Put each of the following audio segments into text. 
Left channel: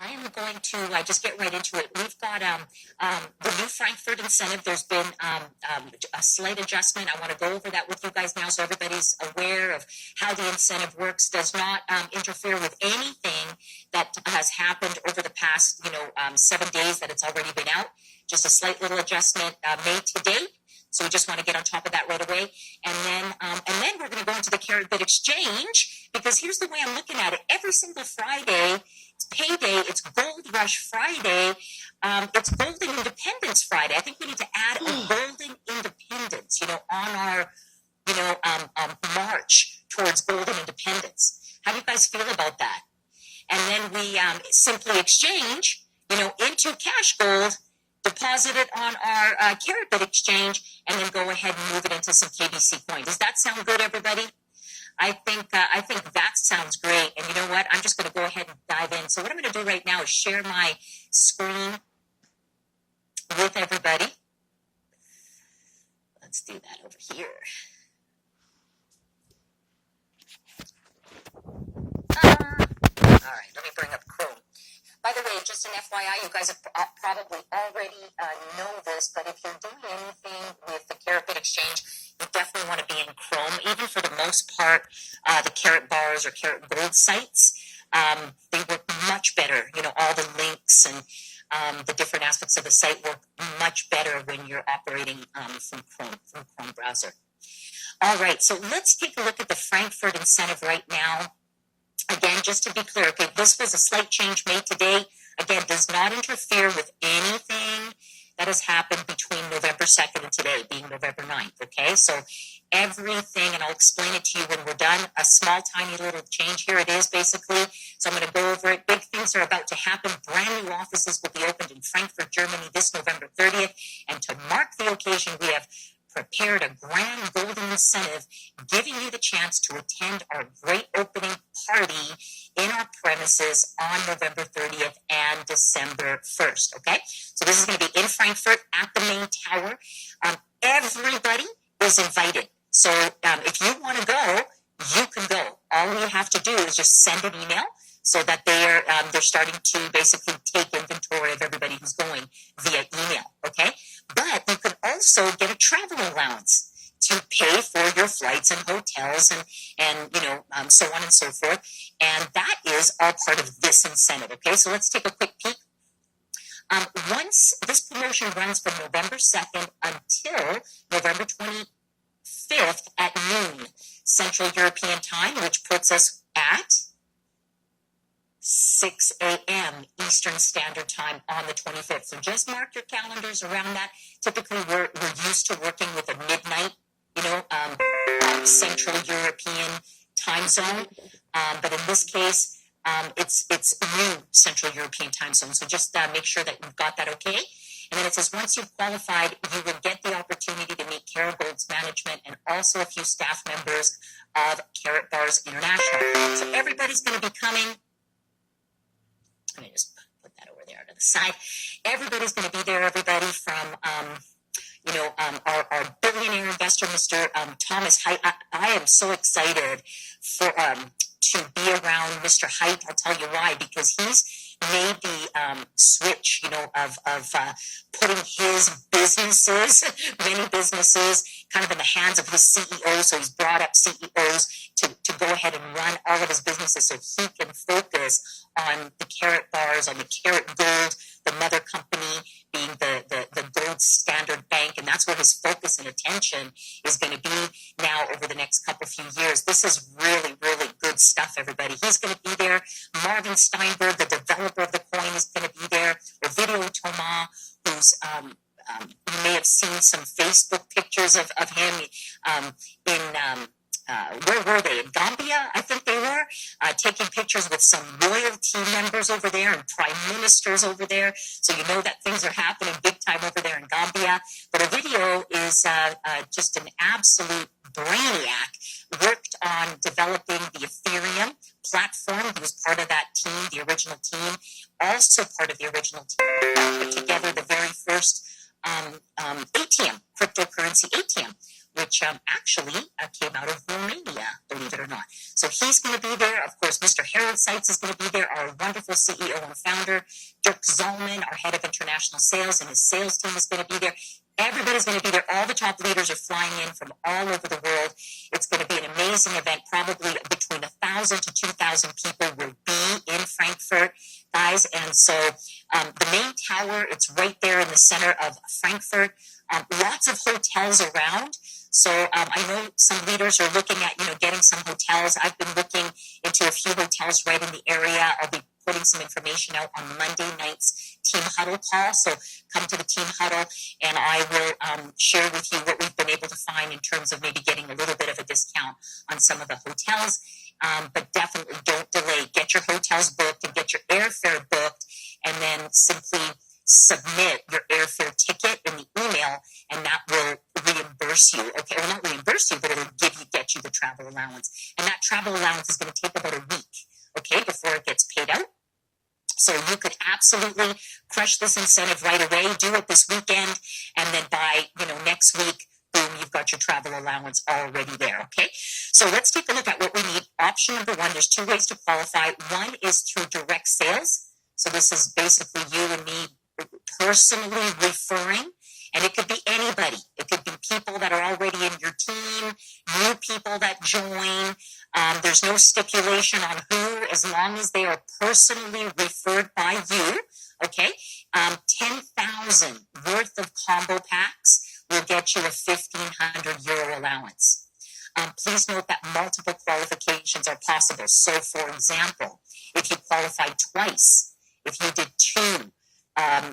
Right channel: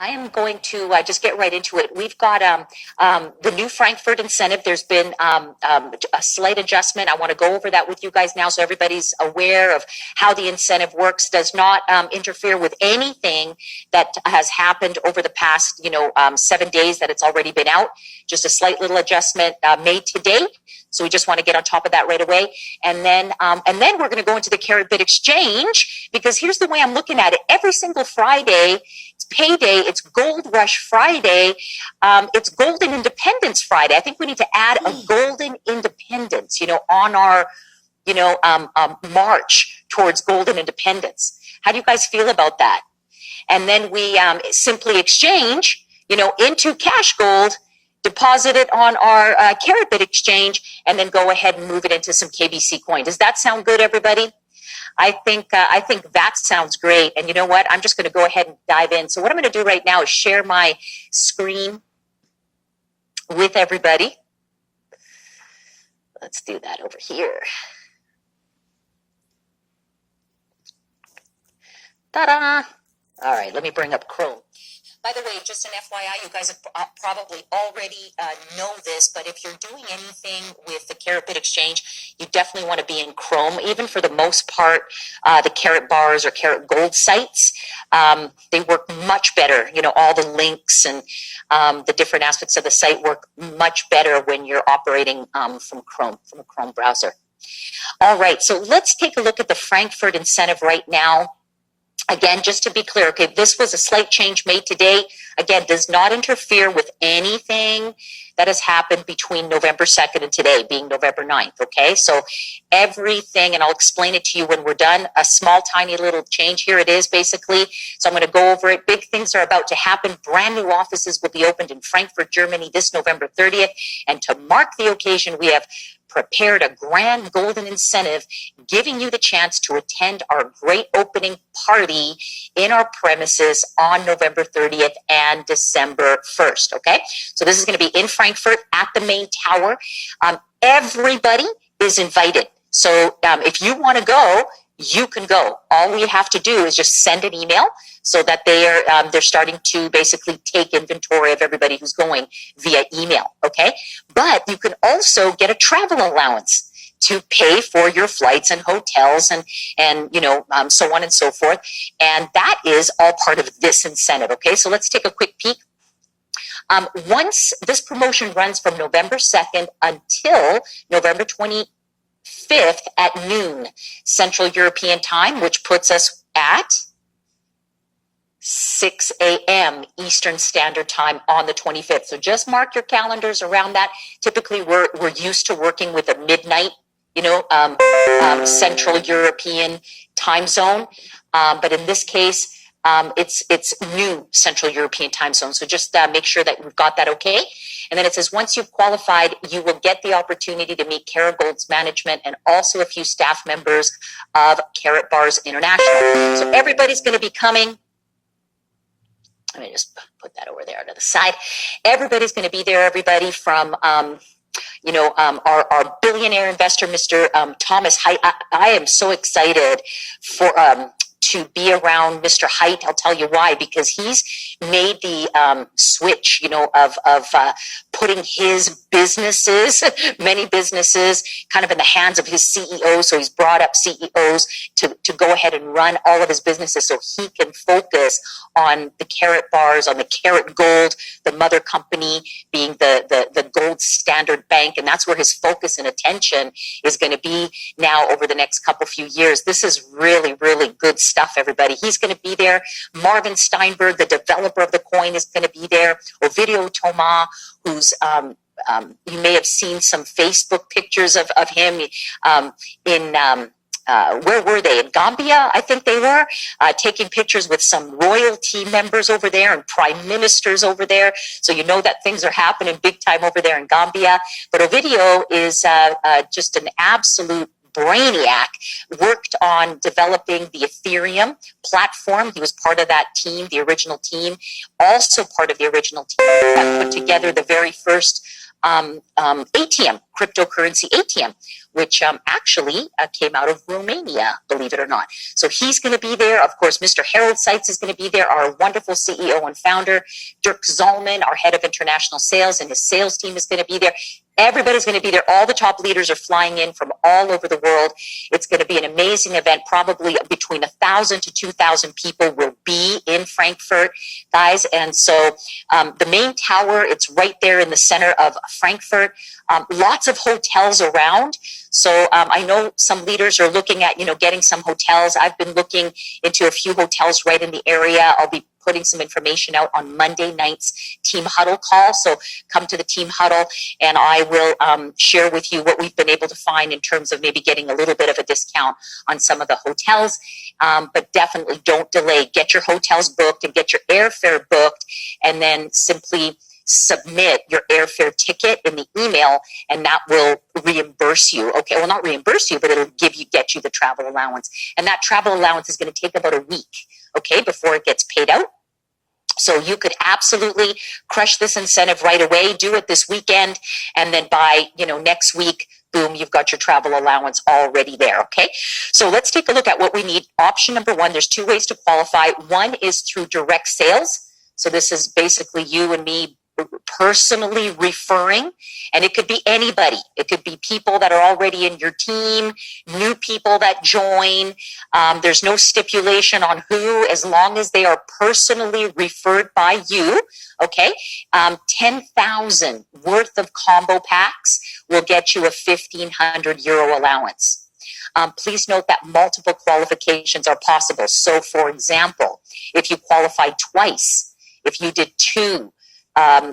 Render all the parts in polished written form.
I am going to just get right into it. We've got the new Frankfurt incentive. There's been a slight adjustment. I want to go over that with you guys now so everybody's aware of how the incentive works. Does not interfere with anything that has happened over the past, 7 days that it's already been out. Just a slight little adjustment made today. So we just want to get on top of that right away. And then we're going to go into the Carrot Bit Exchange, because here's the way I'm looking at it. Every single Friday, it's payday, it's Gold Rush Friday, it's Golden Independence Friday. I think we need to add a Golden Independence, on our, march towards Golden Independence. How do you guys feel about that? And then we simply exchange, into cash gold, deposit it on our Carrot Bit Exchange, and then go ahead and move it into some KBC coin. Does that sound good, everybody? I think that sounds great. And you know what? I'm just going to go ahead and dive in. So what I'm going to do right now is share my screen with everybody. Let's do that over here. Ta-da! All right, let me bring up Chrome. By the way, just an FYI, you guys have probably already know this, but if you're doing anything with the Carrot Bit Exchange, you definitely want to be in Chrome. Even for the most part, the Carrot Bars or Carrot Gold sites, they work much better. All the links and the different aspects of the site work much better when you're operating from a Chrome browser. All right, so let's take a look at the Frankfurt incentive right now. Again, just to be clear, okay, this was a slight change made today. Again, does not interfere with anything that has happened between November 2nd and today, being November 9th, okay? So everything, and I'll explain it to you when we're done, a small, tiny little change. Here it is, basically. So I'm going to go over it. Big things are about to happen. Brand new offices will be opened in Frankfurt, Germany this November 30th. And to mark the occasion, we have prepared a grand golden incentive, giving you the chance to attend our great opening party in our premises on November 30th and December 1st, okay? So this is going to be in Frankfurt at the main tower. Everybody is invited. So if you want to go, you can go. All we have to do is just send an email so that they're starting to basically take inventory of everybody who's going via email, okay? But you can also get a travel allowance to pay for your flights and hotels and so on and so forth. And that is all part of this incentive, okay? So let's take a quick peek. Once this promotion runs from November 2nd until November 25th at noon Central European time, which puts us at 6 a.m. Eastern Standard Time on the 25th. So just mark your calendars around that. Typically, we're used to working with a midnight, Central European time zone. But in this case, it's new Central European time zone. So just make sure that we've got that okay. And then it says, once you've qualified, you will get the opportunity to meet Carrot Gold's management and also a few staff members of Carrot Bars International. So everybody's going to be coming. Let me just put that over there to the side. Everybody's going to be there, everybody from, our billionaire investor, Mr. Thomas Height. I am so excited for to be around Mr. Height. I'll tell you why, because he's made the switch, of putting his businesses, many businesses, kind of in the hands of his CEO. So he's brought up CEOs to go ahead and run all of his businesses so he can focus on the Carrot Bars, on the Carrot Gold, the mother company being the Gold Standard Bank. And that's where his focus and attention is going to be now over the next few years. This is really, really good stuff, everybody. He's going to be there. Marvin Steinberg, the developer of the coin, is going to be there. Ovidio Toma, who's you may have seen some Facebook pictures of him in where were they? In Gambia, I think they were, taking pictures with some royalty members over there and prime ministers over there. So you know that things are happening big time over there in Gambia. But Ovidio is just an absolute brainiac, worked on developing the Ethereum platform. He was part of that team, the original team, also part of the original team that put together the very first ATM, cryptocurrency ATM, which actually came out of Romania, believe it or not. So he's going to be there. Of course, Mr. Harold Seitz is going to be there, our wonderful CEO and founder. Dirk Zalman, our head of international sales, and his sales team is going to be there. Everybody's going to be there. All the top leaders are flying in from all over the world. It's going to be an amazing event. Probably between 1,000 to 2,000 people will be in Frankfurt, guys. And so the main tower, it's right there in the center of Frankfurt. Lots of hotels around. So I know some leaders are looking at, getting some hotels. I've been looking into a few hotels right in the area. I'll be putting some information out on Monday night's team huddle call. So come to the team huddle and I will share with you what we've been able to find in terms of maybe getting a little bit of a discount on some of the hotels. But definitely don't delay. Get your hotels booked and get your airfare booked, and then simply submit your airfare ticket in the email, and that will reimburse you. Okay, well, not reimburse you, but it'll get you the travel allowance. And that travel allowance is going to take about a week, okay, before it gets paid out. So you could absolutely crush this incentive right away, do it this weekend, and then by, next week, boom, you've got your travel allowance already there, okay? So let's take a look at what we need. Option number one, there's two ways to qualify. One is through direct sales. So this is basically you and me personally referring, and it could be anybody. It could be people that are already in your team, new people that join. There's no stipulation on who, as long as they are personally referred by you. Okay, 10,000 worth of combo packs will get you a 1,500 euro allowance. Please note that multiple qualifications are possible. So, for example, if you qualified twice, if you did two,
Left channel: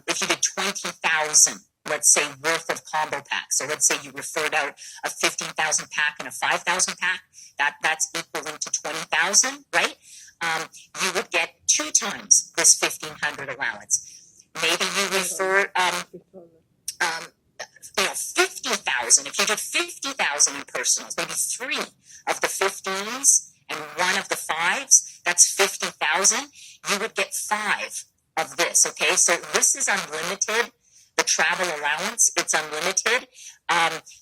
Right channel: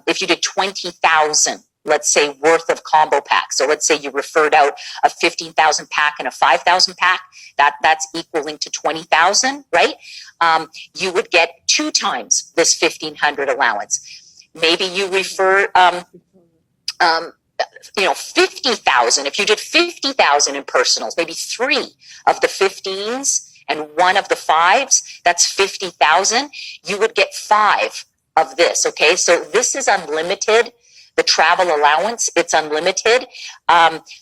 if you did 20,000, let's say, worth of combo packs. So let's say you referred out a 15,000 pack and a 5,000 pack. That's equaling to 20,000, right? You would get 2 times this 1,500 allowance. Maybe you refer, 50,000. If you did 50,000 in personals, maybe 3 of the 15s and 1 of the 5s, that's 50,000. You would get 5 of this, okay? So this is unlimited. The travel allowance, it's unlimited.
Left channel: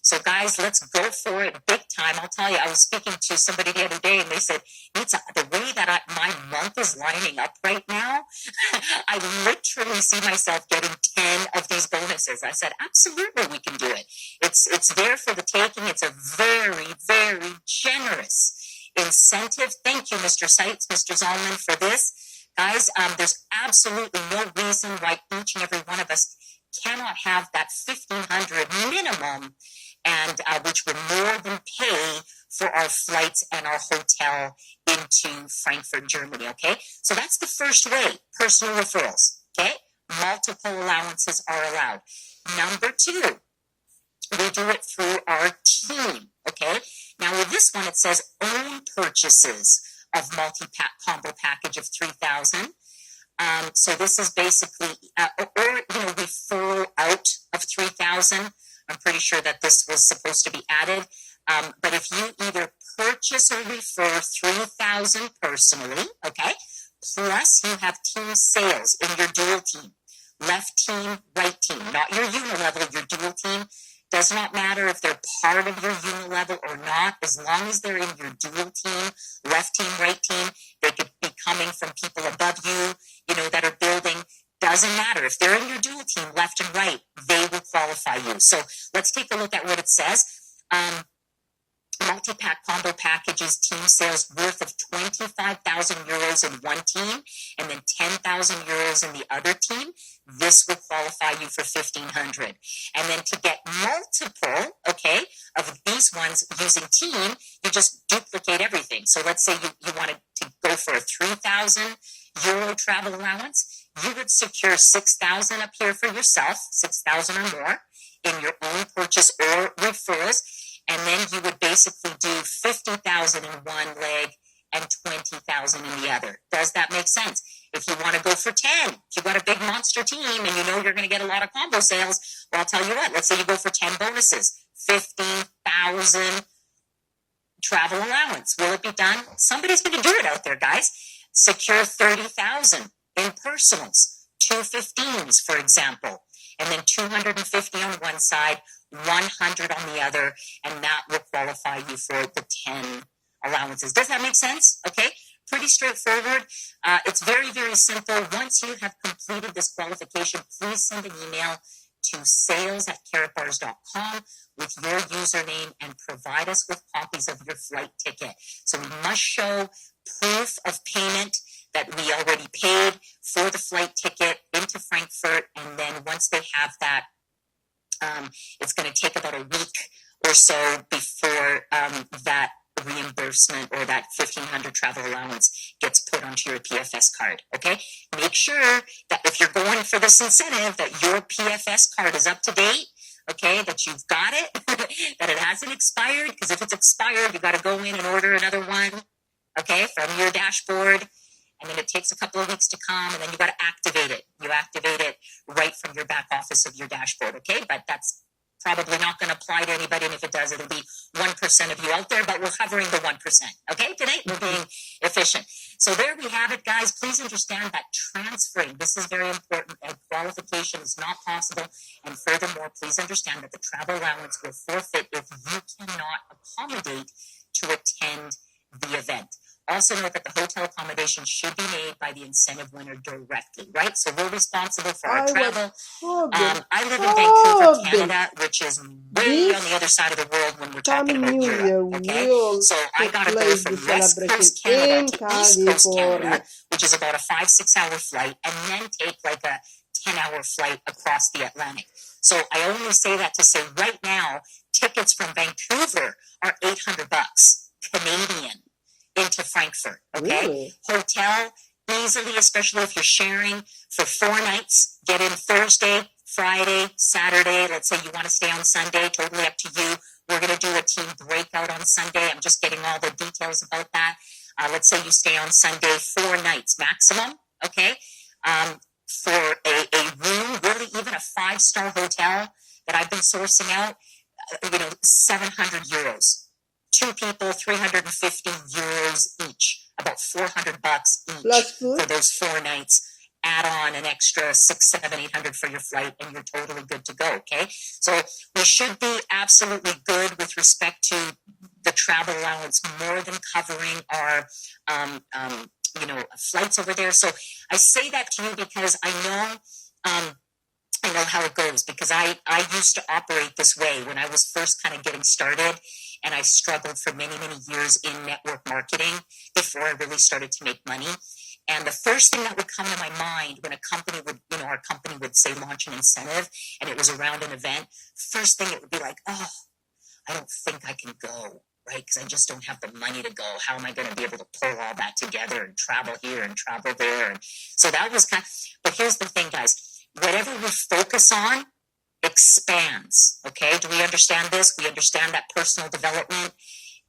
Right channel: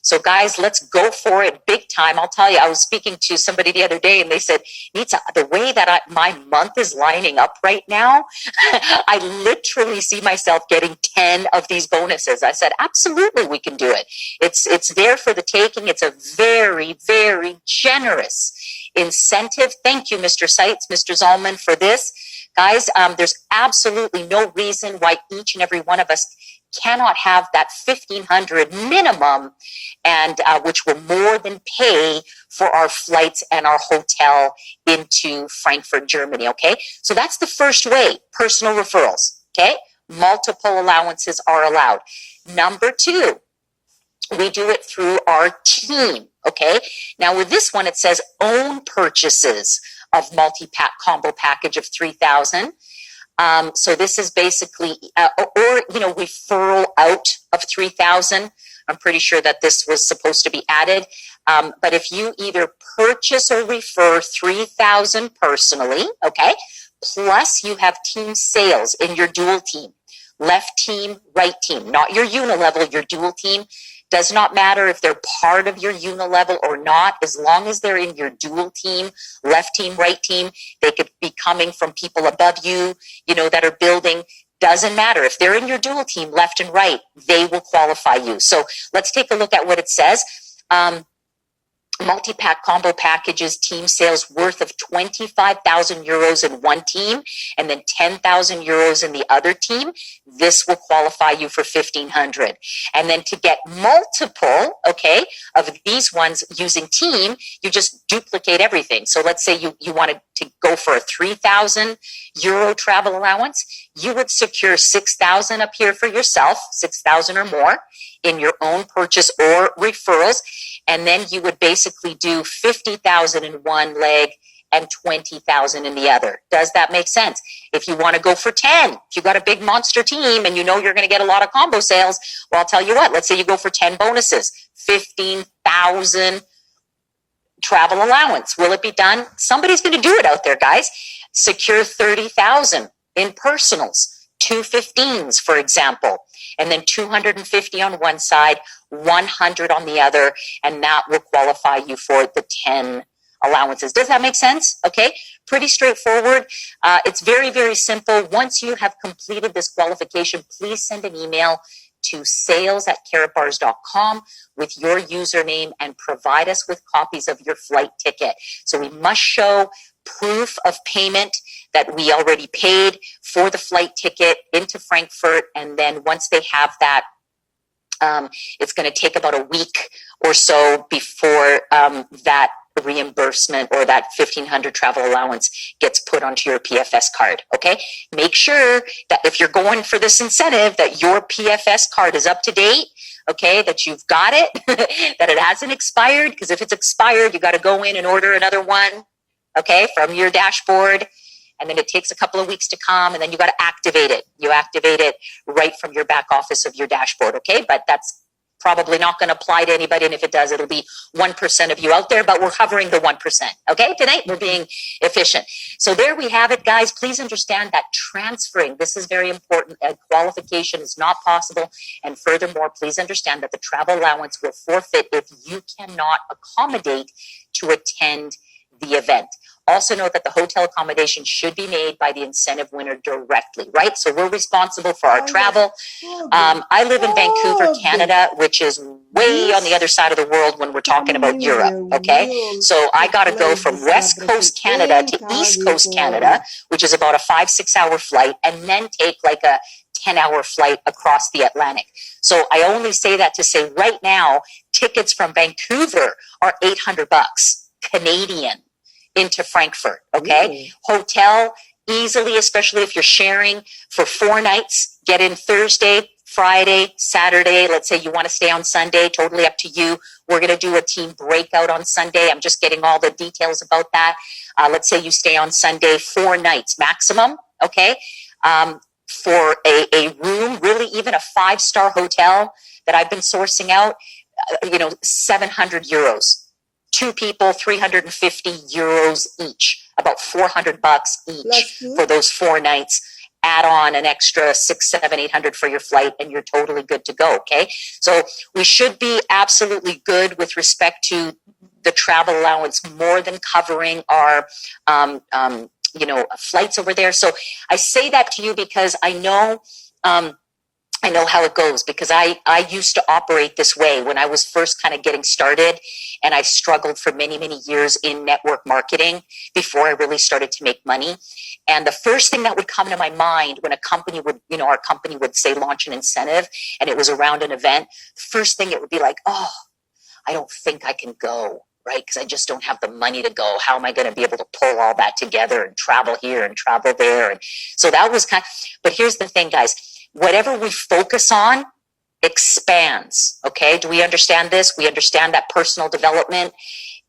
So guys, let's go for it big time. I'll tell you, I was speaking to somebody the other day and they said, Nita, the way that my month is lining up right now, I literally see myself getting 10 of these bonuses. I said, absolutely, we can do it. It's there for the taking. It's a very, very generous incentive. Thank you, Mr. Seitz, Mr. Zalman, for this. Guys, there's absolutely no reason why each and every one of us cannot have that 1,500 minimum, and which will more than pay for our flights and our hotel into Frankfurt, Germany, okay? So that's the first way, personal referrals, okay? Multiple allowances are allowed. Number 2, we do it through our team, okay? Now with this one, it says own purchases of multi-pack combo package of 3,000. So this is basically, referral out of 3,000. I'm pretty sure that this was supposed to be added. But if you either purchase or refer 3,000 personally, okay, plus you have team sales in your dual team, left team, right team, not your unilevel, your dual team. Does not matter if they're part of your unilevel or not, as long as they're in your dual team, left team, right team. They could be coming from people above you, that are building. Doesn't matter. If they're in your dual team, left and right, they will qualify you. So let's take a look at what it says. Multi-pack combo packages, team sales worth of 25,000 euros in one team and then 10,000 euros in the other team. This will qualify you for 1,500. And then to get multiple, okay, of these ones using team, you just duplicate everything. So let's say you wanted to go for a 3,000 euro travel allowance. You would secure 6,000 up here for yourself, 6,000 or more in your own purchase or referrals. And then you would basically do 50,000 in one leg and 20,000 in the other. Does that make sense? If you want to go for 10, if you got a big monster team and you know you're going to get a lot of combo sales, well, I'll tell you what, let's say you go for 10 bonuses, 15,000 travel allowance. Will it be done? Somebody's going to do it out there, guys. Secure 30,000 in personals, two 15s, for example, and then 250 on one side, 100 on the other, and that will qualify you for the 10 allowances. Does that make sense? Okay, pretty straightforward. It's very, very simple. Once you have completed this qualification, please send an email to sales@carrotbars.com with your username and provide us with copies of your flight ticket. So we must show proof of payment that we already paid for the flight ticket into Frankfurt. And then once they have that, it's going to take about a week or so before that reimbursement or that 1,500 travel allowance gets put onto your PFS card. Okay, make sure that if you're going for this incentive, that your PFS card is up to date. Okay, that you've got it, that it hasn't expired, because if it's expired, you got to go in and order another one. Okay, from your dashboard, and then it takes a couple of weeks to come, and then you got to activate it. You activate it right from your back office of your dashboard. Okay, but that's probably not going to apply to anybody, and if it does, it'll be 1% of you out there, but we're hovering the 1%. Okay, tonight we're being efficient. So there we have it, guys. Please understand that transferring, this is very important, and qualification is not possible. And furthermore, please understand that the travel allowance will forfeit if you cannot accommodate to attend the event. Also note that the hotel accommodation should be made by the incentive winner directly, right? So we're responsible for our travel. I live in Vancouver, Canada, which is way on the other side of the world when we're talking about Europe, okay? So I got to go from West Coast Canada to East Coast Canada, which is about a 5-6 hour flight, and then take like a 10-hour flight across the Atlantic. So I only say that to say right now, tickets from Vancouver are $800 Canadian into Frankfurt. Okay. Really? Hotel easily, especially if you're sharing for 4 nights, get in Thursday, Friday, Saturday. Let's say you want to stay on Sunday, totally up to you. We're going to do a team breakout on Sunday. I'm just getting all the details about that. Let's say you stay on Sunday, 4 nights maximum. Okay. For a room, really even a 5-star hotel that I've been sourcing out, 700 euros. 2 people, 350 euros each, about $400 each for those 4 nights. Add on an extra 600, 700, 800 for your flight, and you're totally good to go. Okay, so we should be absolutely good with respect to the travel allowance, more than covering our flights over there. So I say that to you because I know how it goes, because I used to operate this way when I was first kind of getting started, and I struggled for many, many years in network marketing before I really started to make money. And the first thing that would come to my mind when a company would, our company would say launch an incentive and it was around an event, first thing it would be like, oh, I don't think I can go, right? Because I just don't have the money to go. How am I going to be able to pull all that together and travel here and travel there? And so that was but here's the thing, guys. Whatever we focus on expands. Okay. Do we understand this? We understand that personal development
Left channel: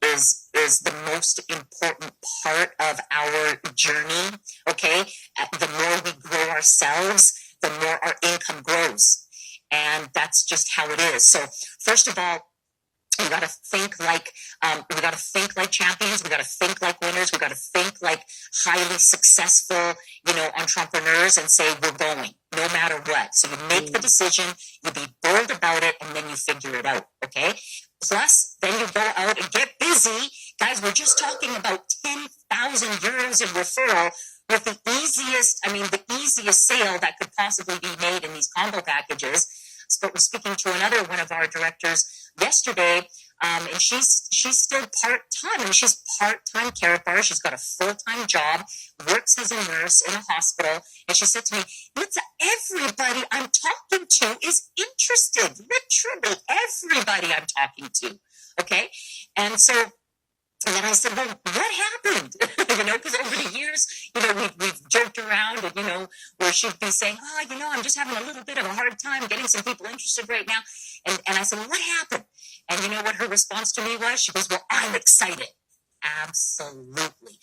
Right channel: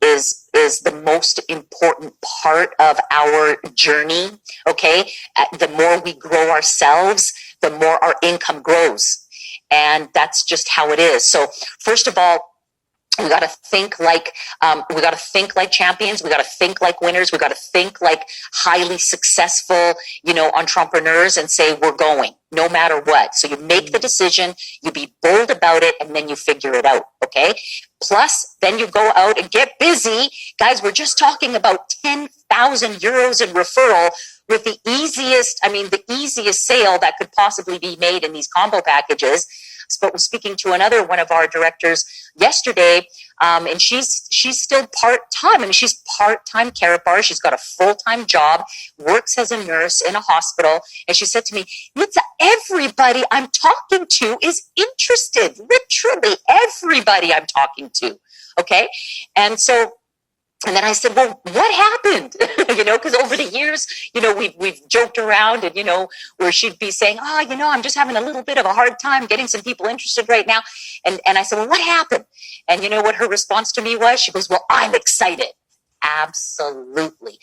is the most important part of our journey. Okay. The more we grow ourselves, the more our income grows. And that's just how it is. So first of all, we got to think like champions. We got to think like winners. We got to think like highly successful, entrepreneurs, and say we're going no matter what. So you make the decision, you be bold about it, and then you figure it out. Okay. Plus, then you go out and get busy, guys. We're just talking about 10,000 euros in referral with the easiest sale that could possibly be made in these combo packages. But was speaking to another one of our directors yesterday, and she's still part-time. I mean, she's part-time Carrot Bar. She's got a full-time job, works as a nurse in a hospital. And she said to me, Litsa, everybody I'm talking to is interested. Literally everybody I'm talking to. Okay. And then I said, well, what happened? Because over the years, we've joked around and, where she'd be saying, I'm just having a little bit of a hard time getting some people interested right now. And I said, well, what happened? And you know what her response to me was? She goes, well, I'm excited. Absolutely.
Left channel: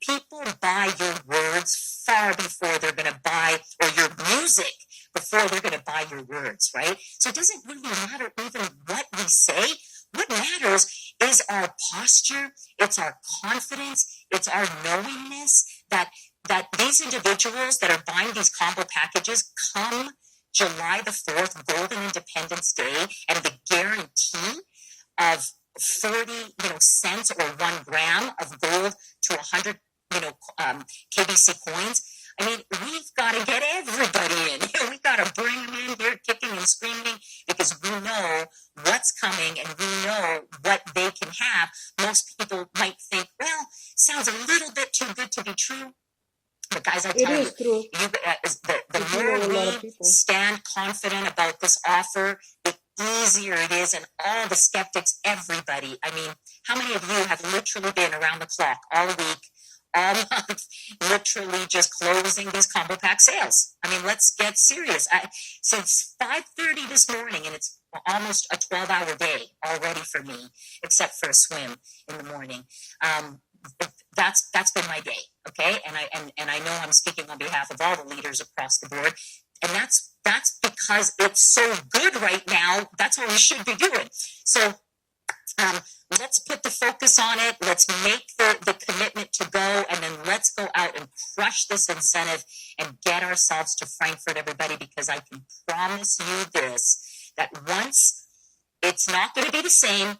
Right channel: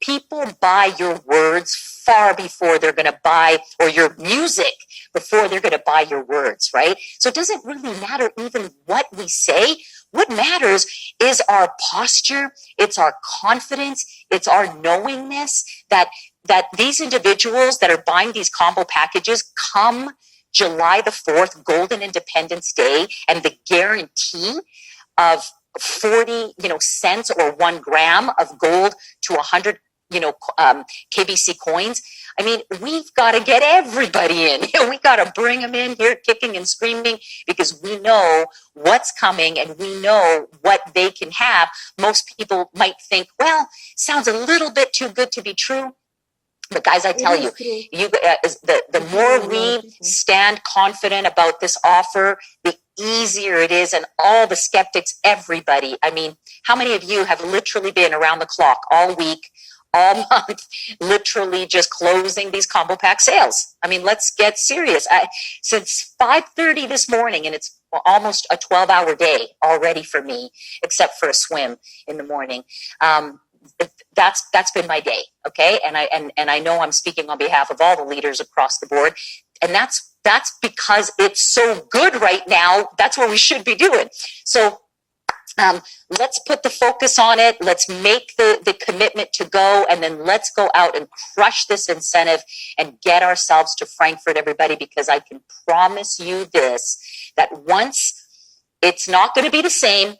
People buy your words far before they're going to buy, or your music before they're going to buy your words, right? So it doesn't really matter even what we say. What matters is our posture, it's our confidence, it's our knowingness that that these individuals that are buying these combo packages come July the 4th, Golden Independence Day, and the guarantee of 40, cents or 1 gram of gold to 100, KBC coins. I mean, we've got to get everybody in. We got to bring them in here kicking and screaming, because we know what's coming and we know what they can have. Most people might think, well, sounds a little bit too good to be true. But guys, I tell you, the more we stand confident about this offer, the easier it is. And all the skeptics, everybody. I mean, how many of you have literally been around the clock all week, all month, literally just closing these combo pack sales? I mean, let's get serious. Since 5:30 this morning, and it's almost a 12-hour day already for me, except for a swim in the morning. That's been my day. Okay. And I know I'm speaking on behalf of all the leaders across the board. And that's because it's so good right now. That's what we should be doing. So let's put the focus on it. Let's make the commitment to go, and then let's go out and crush this incentive and get ourselves to Frankfurt, everybody, because I can promise you this, that once it's not going to be the same,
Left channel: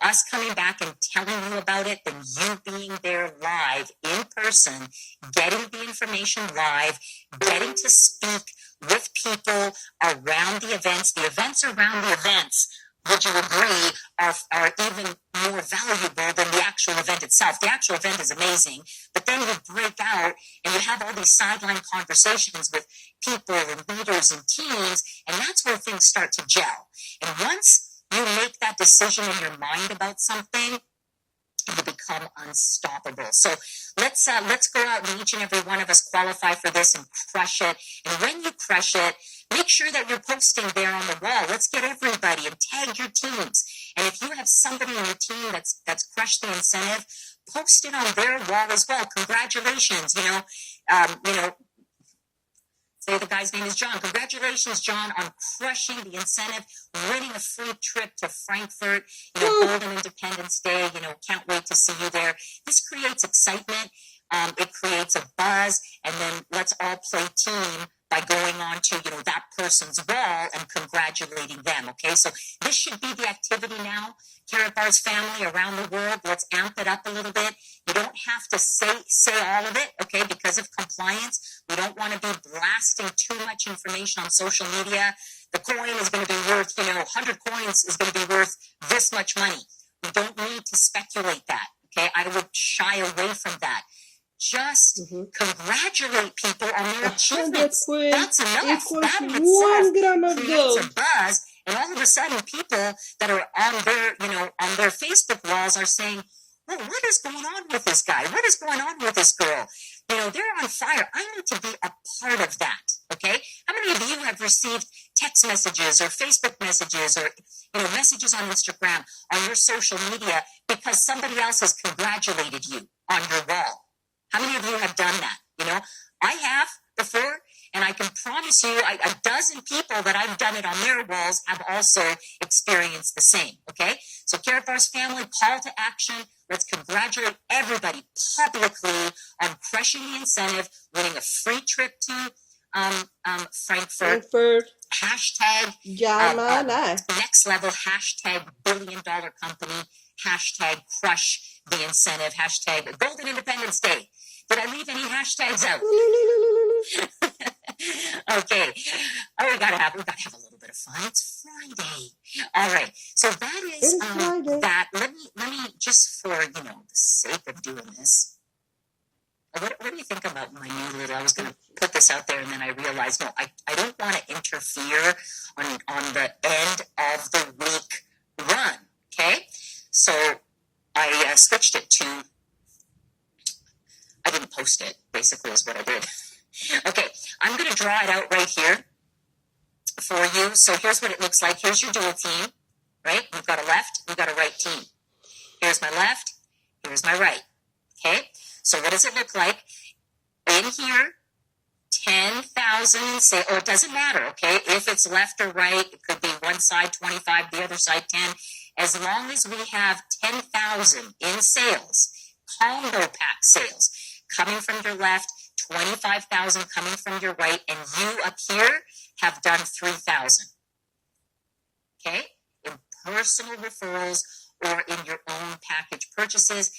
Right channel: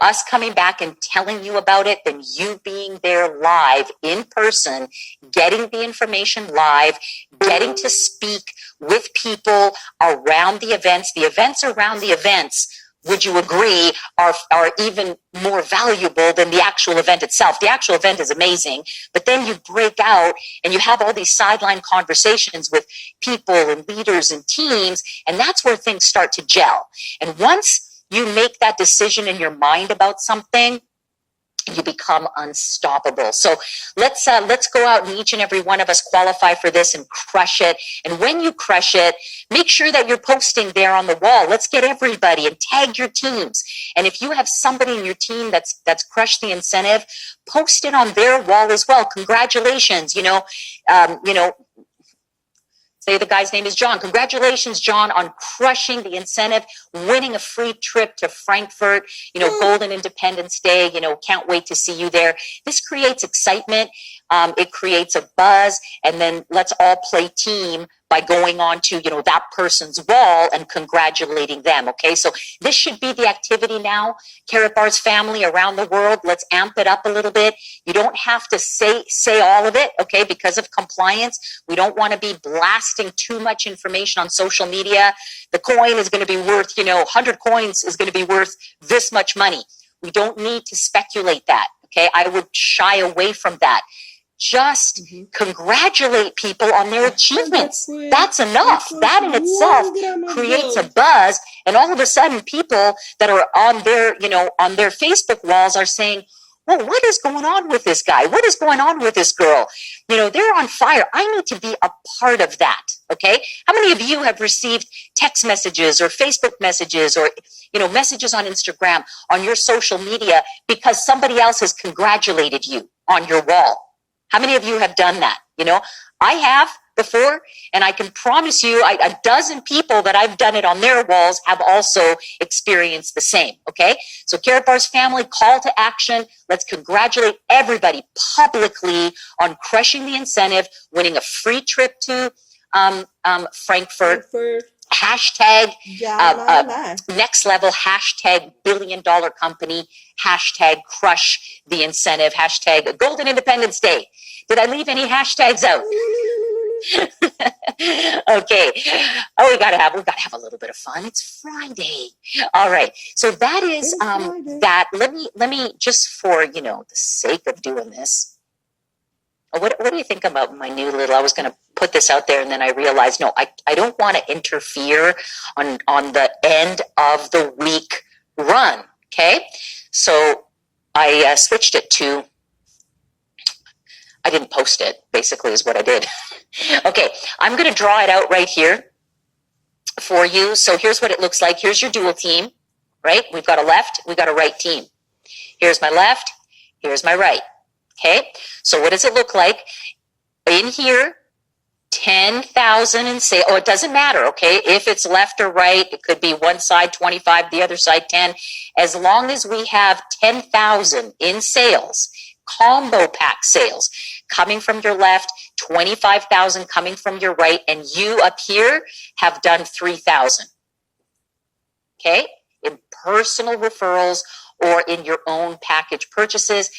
us coming back and telling you about it, then you being there live in person, getting the information live, getting to speak with people around the events. The events around the events, would you agree, are even more valuable than the actual event itself. The actual event is amazing, but then you break out and you have all these sideline conversations with people and leaders and teams, and that's where things start to gel. And once you make that decision in your mind about something, you become unstoppable. So let's go out and each and every one of us qualify for this and crush it. And when you crush it, make sure that you're posting there on the wall. Let's get everybody and tag your teams. And if you have somebody in your team that's crushed the incentive, post it on their wall as well. Congratulations, say the guy's name is John. Congratulations, John, on crushing the incentive, winning a free trip to Frankfurt, Golden Independence Day, can't wait to see you there. This creates excitement. It creates a buzz, and then let's all play team by going on to, that person's wall and congratulating them. Okay. So this should be the activity now. Carrot Bars family around the world, let's amp it up a little bit. You don't have to say all of it. Okay. Because of compliance, we don't want to be blasting too much information on social media. The coin is going to be worth, 100 coins is going to be worth this much money. We don't need to speculate that. Okay. I would shy away from that. Just congratulate people on their achievements. That's enough. That in itself creates a buzz. And all of a sudden, people that are on their Facebook walls are saying, well, what is going on with this guy? What is going on with this girl? They're on fire. I need to be a part of that. Okay. How many of you have received text messages or Facebook messages or, messages on Instagram, on your social media, because somebody else has congratulated you on your wall? How many of you have done that? I have before, and I can promise you a dozen people that I've done it on their walls have also experienced the same. Okay. So Carrot Bars family, call to action. Let's congratulate everybody publicly on crushing the incentive, winning a free trip to Frankfurt. Hashtag next level, hashtag $1 billion company, hashtag crush the incentive, hashtag Golden Independence Day. Did I leave any hashtags out? Okay. Oh, we gotta have a little bit of fun. It's Friday. All right. So that is that. Let me just for the sake of doing this. What do you think about my new little? I was going to put this out there, and then I realized, no, I don't want to interfere on the end of the week run. Okay, so I switched it to. I didn't post it. Basically, is what I did. Okay, I'm going to draw it out right here for you. So here's what it looks like. Here's your dual team, right? We've got a left, we've got a right team. Here's my left. Here's my right. Okay, so what does it look like? In here, 10,000 and say, it doesn't matter, okay? If it's left or right, it could be one side 25, the other side 10. As long as we have 10,000 in sales, combo pack sales. coming from your left, 25,000 coming from your right, and you up here have done 3,000. Okay? In personal referrals or in your own package purchases,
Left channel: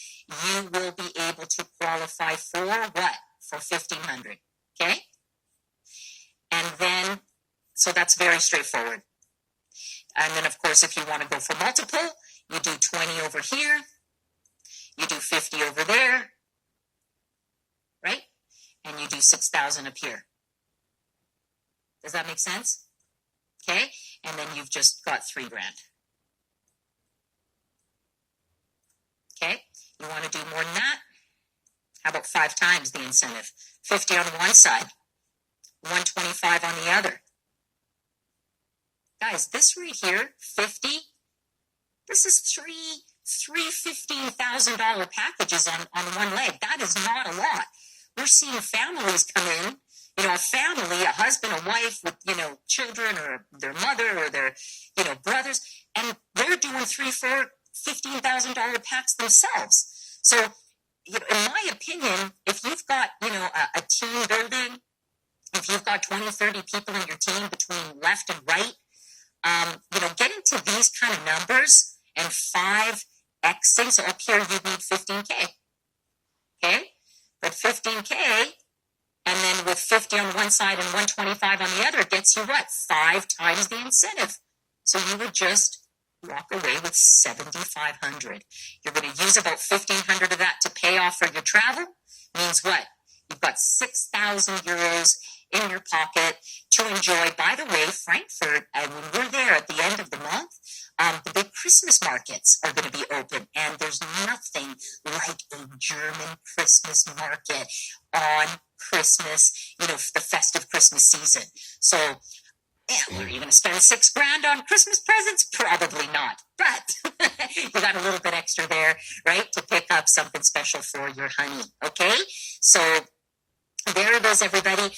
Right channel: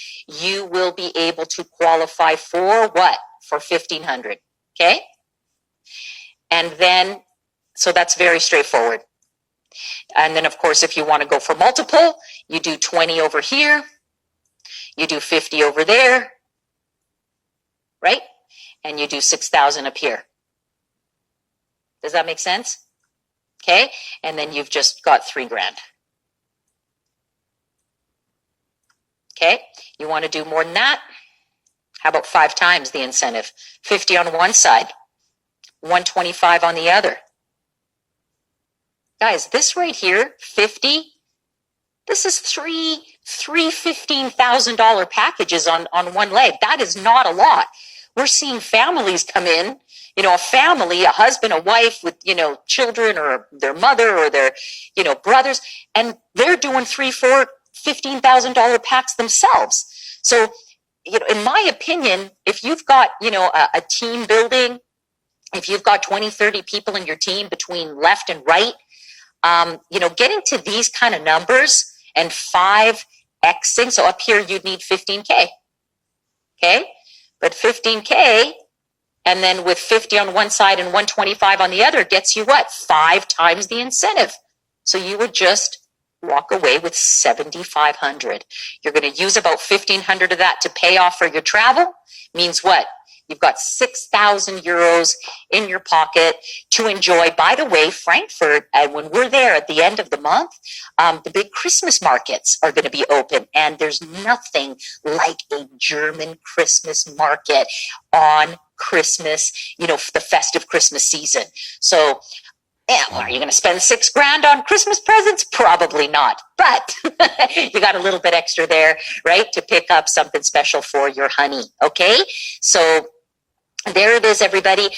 you will be able to qualify for what? For 1,500. Okay? And then, so that's very straightforward. And then, of course, if you want to go for multiple, you do 20 over here, you do 50 over there, right? And you do 6,000 up here. Does that make sense? Okay, and then you've just got $3,000. Okay, you want to do more than that? How about 5 times the incentive? 50 on one side, 125 on the other. Guys, this right here, 50, this is three $15,000 packages on one leg. That is not a lot. We're seeing families come in, a family, a husband, a wife with, children or their mother or their, brothers, and they're doing $3,000, $4,000, $15,000 packs themselves. So, in my opinion, if you've got, a team building, if you've got 20, 30 people in your team between left and right, getting to these kind of numbers and 5xing, so up here you'd need 15K, okay? But 15K, and then with 50 on one side and 125 on the other gets you what? 5 times the incentive. So you would just walk away with 7,500. You're going to use about 1,500 of that to pay off for your travel. Means what? You've got 6,000 euros in your pocket to enjoy. By the way, Frankfurt, when we're there at the end of the month, the big Christmas markets are going to be open. And there's nothing like a German Christmas market on Christmas, the festive Christmas season. So, are you going to spend $6,000 on Christmas presents? Probably not. But you got a little bit extra there, right, to pick up something special for your honey. Okay, so there it is, everybody.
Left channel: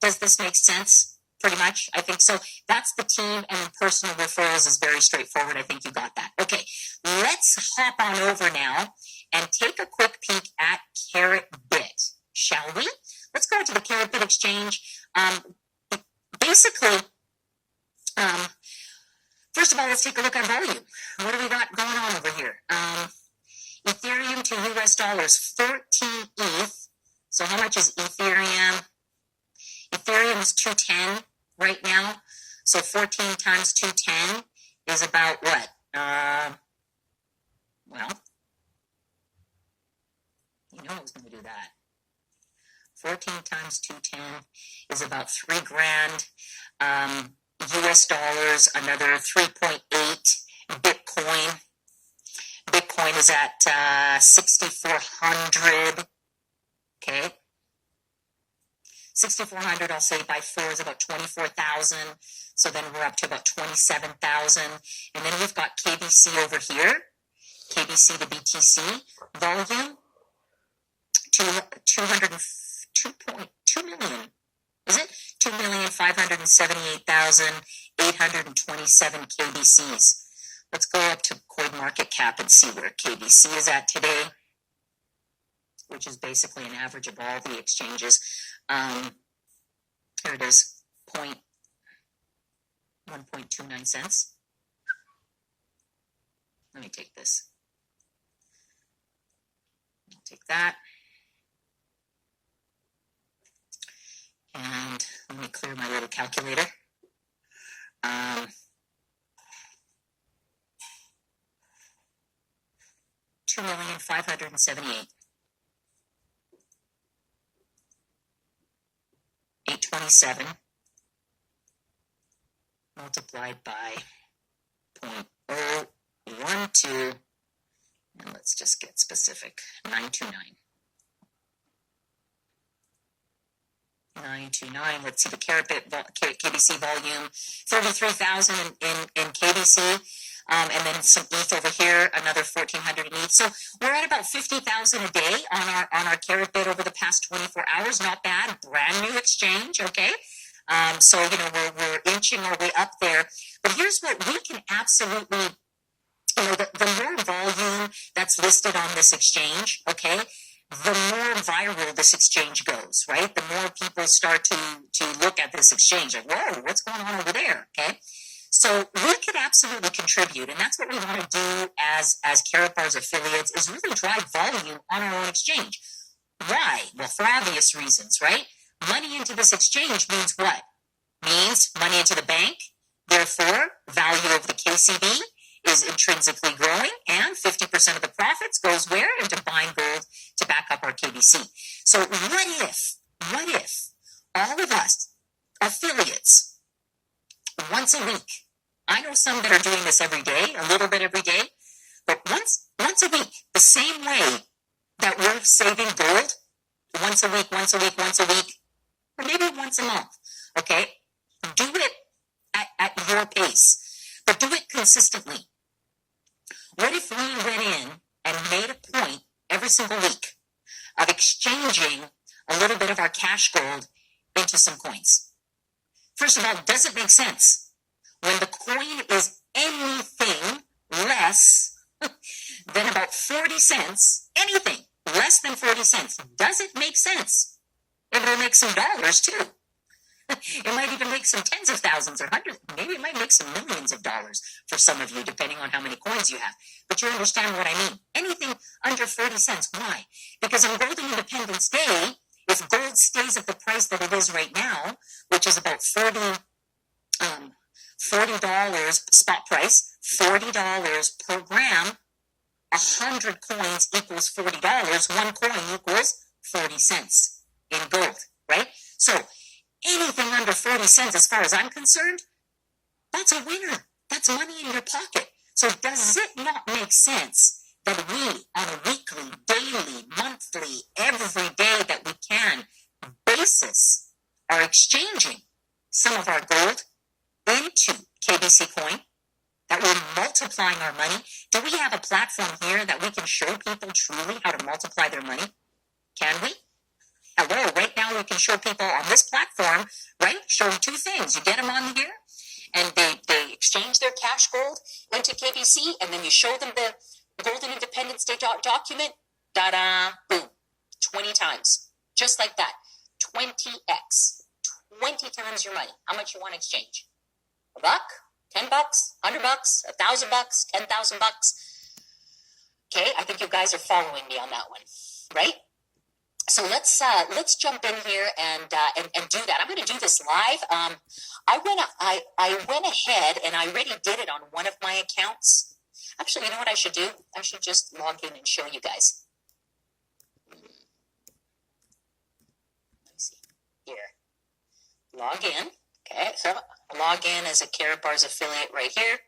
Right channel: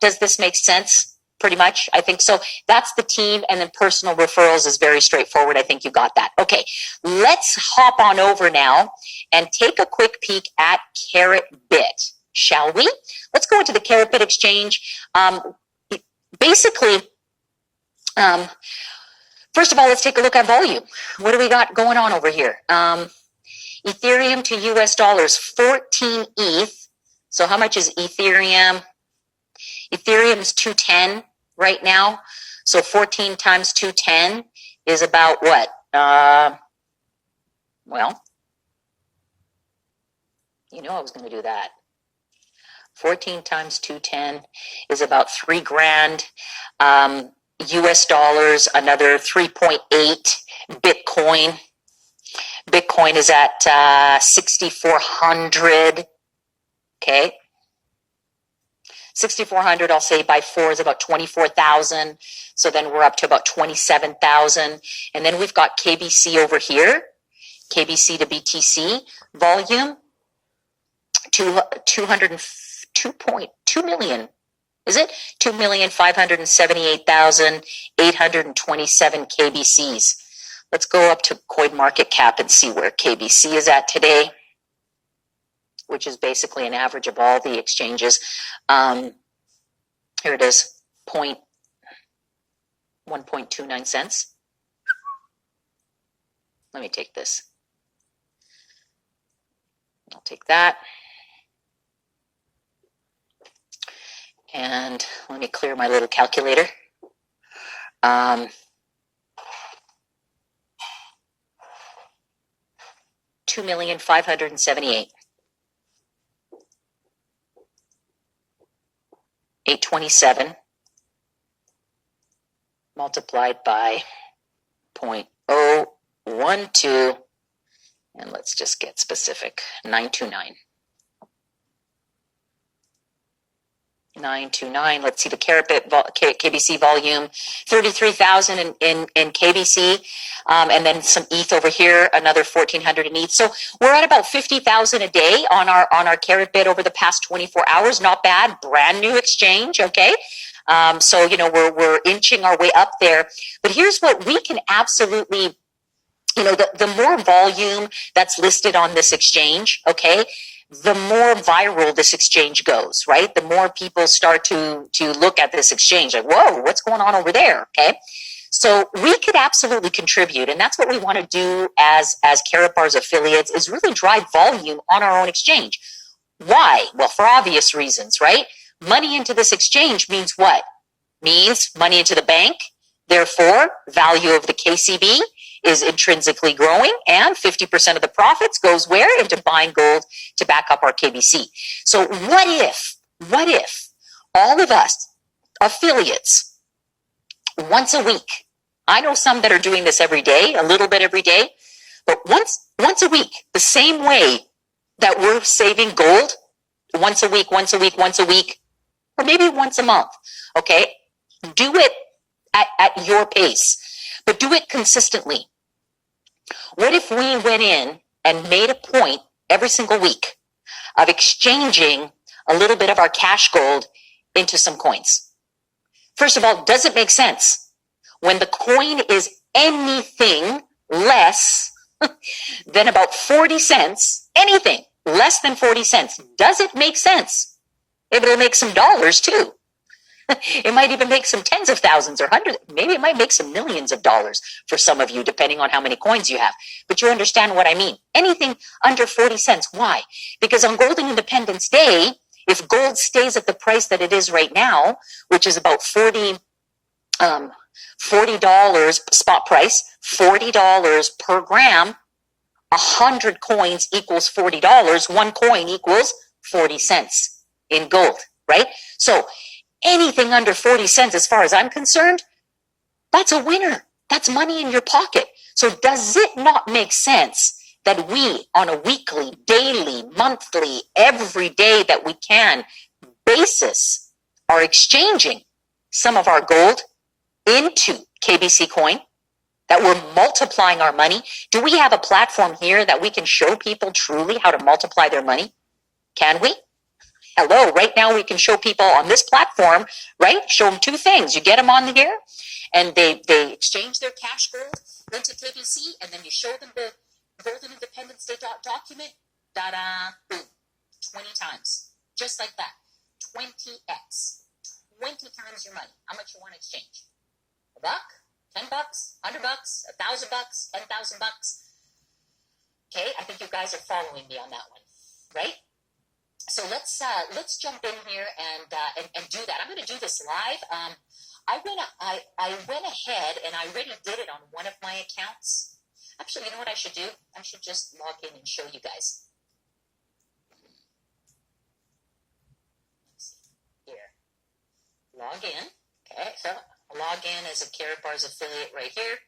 Does this make sense? Pretty much, I think so. That's the team, and then personal referrals is very straightforward. I think you got that. Okay, let's hop on over now and take a quick peek at CarrotBit, shall we? Let's go into the CarrotBit exchange. Basically, first of all, let's take a look at volume. What do we got going on over here? Ethereum to US dollars, 14 ETH. So how much is Ethereum? Ethereum is 210 right now. So 14 times 210 is about what? Well, I was going to do that. 14 times 210 is about $3,000. US dollars, another 3.8. Bitcoin. Bitcoin is at 6,400. Okay. 6,400, I'll say by 4 is about 24,000. So then we're up to about 27,000. And then we've got KBC over here. KBC to BTC volume. 202.2 million. Is it? 2,578,827 KBCs. Let's go up to CoinMarketCap and see where KBC is at today, which is basically an average of all the exchanges. Here it is, 1.29 cents. Let me take this. I'll take that. And let me clear my little calculator. 2,578,827. 827 multiplied by 0.012, and let's just get specific, 929. 929. Let's see the CarrotBit KBC volume, 33,000 in KBC, and then some ETH over here, another 1,400 in ETH. So we're at about 50,000 a day on our CarrotBit over the past 24 hours. Not bad, brand new exchange. Okay. So we're inching our way up there. But here's what we can absolutely, the more volume that's listed on this exchange, okay, the more viral this exchange goes, right? The more people start to look at this exchange like, whoa, what's going on over there? Okay. So we could absolutely contribute, and that's what we want to do as Karatbar's affiliates, is really drive volume on our own exchange. Why? Well, for obvious reasons, right? Money into this exchange means what? Means money into the bank. Therefore, value of the KCB is intrinsically growing, and 50% of the profits goes where? Into buying gold to back up our KBC. So what if all of us affiliates once a week, I know some that are doing this every day, a little bit every day, but once a week, the same way that we're saving gold once a week, or maybe once a month, okay? Do it at your pace, but do it consistently. What if we went in and made a point every single week of exchanging a little bit of our cash gold into some coins? First of all, does it make sense? When the coin is anything less than about 40 cents, anything less than 40 cents, does it make sense? It'll make some dollars too. It might even make some tens of thousands or hundreds. Maybe it might make some millions of dollars for some of you, depending on how many coins you have. But you understand what I mean. Anything under 40 cents. Why? Because on Golden Independence Day, if gold stays at the price that it is right now, which is about $40 spot price, $40 per gram, 100 coins equals $40. One coin equals 40 cents in gold, right? So anything under 40 cents, as far as I'm concerned, that's a winner. That's money in your pocket. So does it not make sense that we, on a weekly, daily, monthly, every day that we can basis, are exchanging some of our gold into KBC coin, that we're multiplying our money? Do we have a platform here that we can show people truly how to multiply their money? Can we? Hello, right now we can show people on this platform, right? Show them two things. You get them on here and they exchange their cash gold into KBC, and then you show them the Golden Independence Day document, da-da, boom, 20 times. Just like that, 20x, 20 times your money. How much you want to exchange? $1, $10, $100, $1,000, $10,000. Okay, I think you guys are following me on that one, right? So let's jump in here and do that. I'm going to do this live. I went ahead and I already did it on one of my accounts. Actually, you know what I should do? I should just log in and show you guys. Let's see here. Log in. Okay, so log in as a Karatbar's affiliate right here.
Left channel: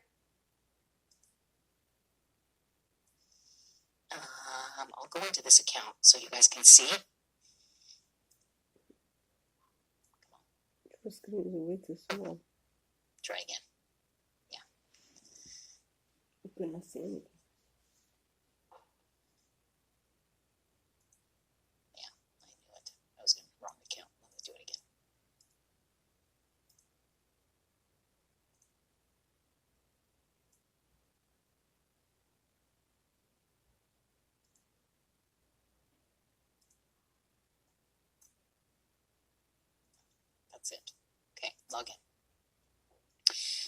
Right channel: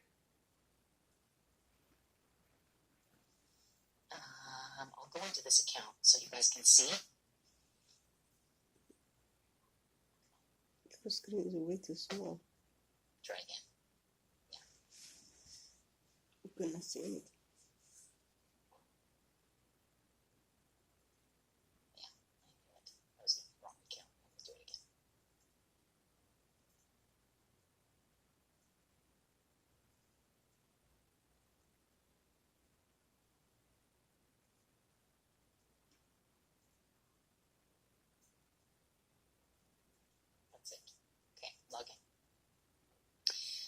I'll go into this account so you guys can see. The screen is way too small. Try again. Yeah. You cannot see anything. Yeah, I knew it. I was in the wrong account. Let me do it again. That's it. Okay, log in.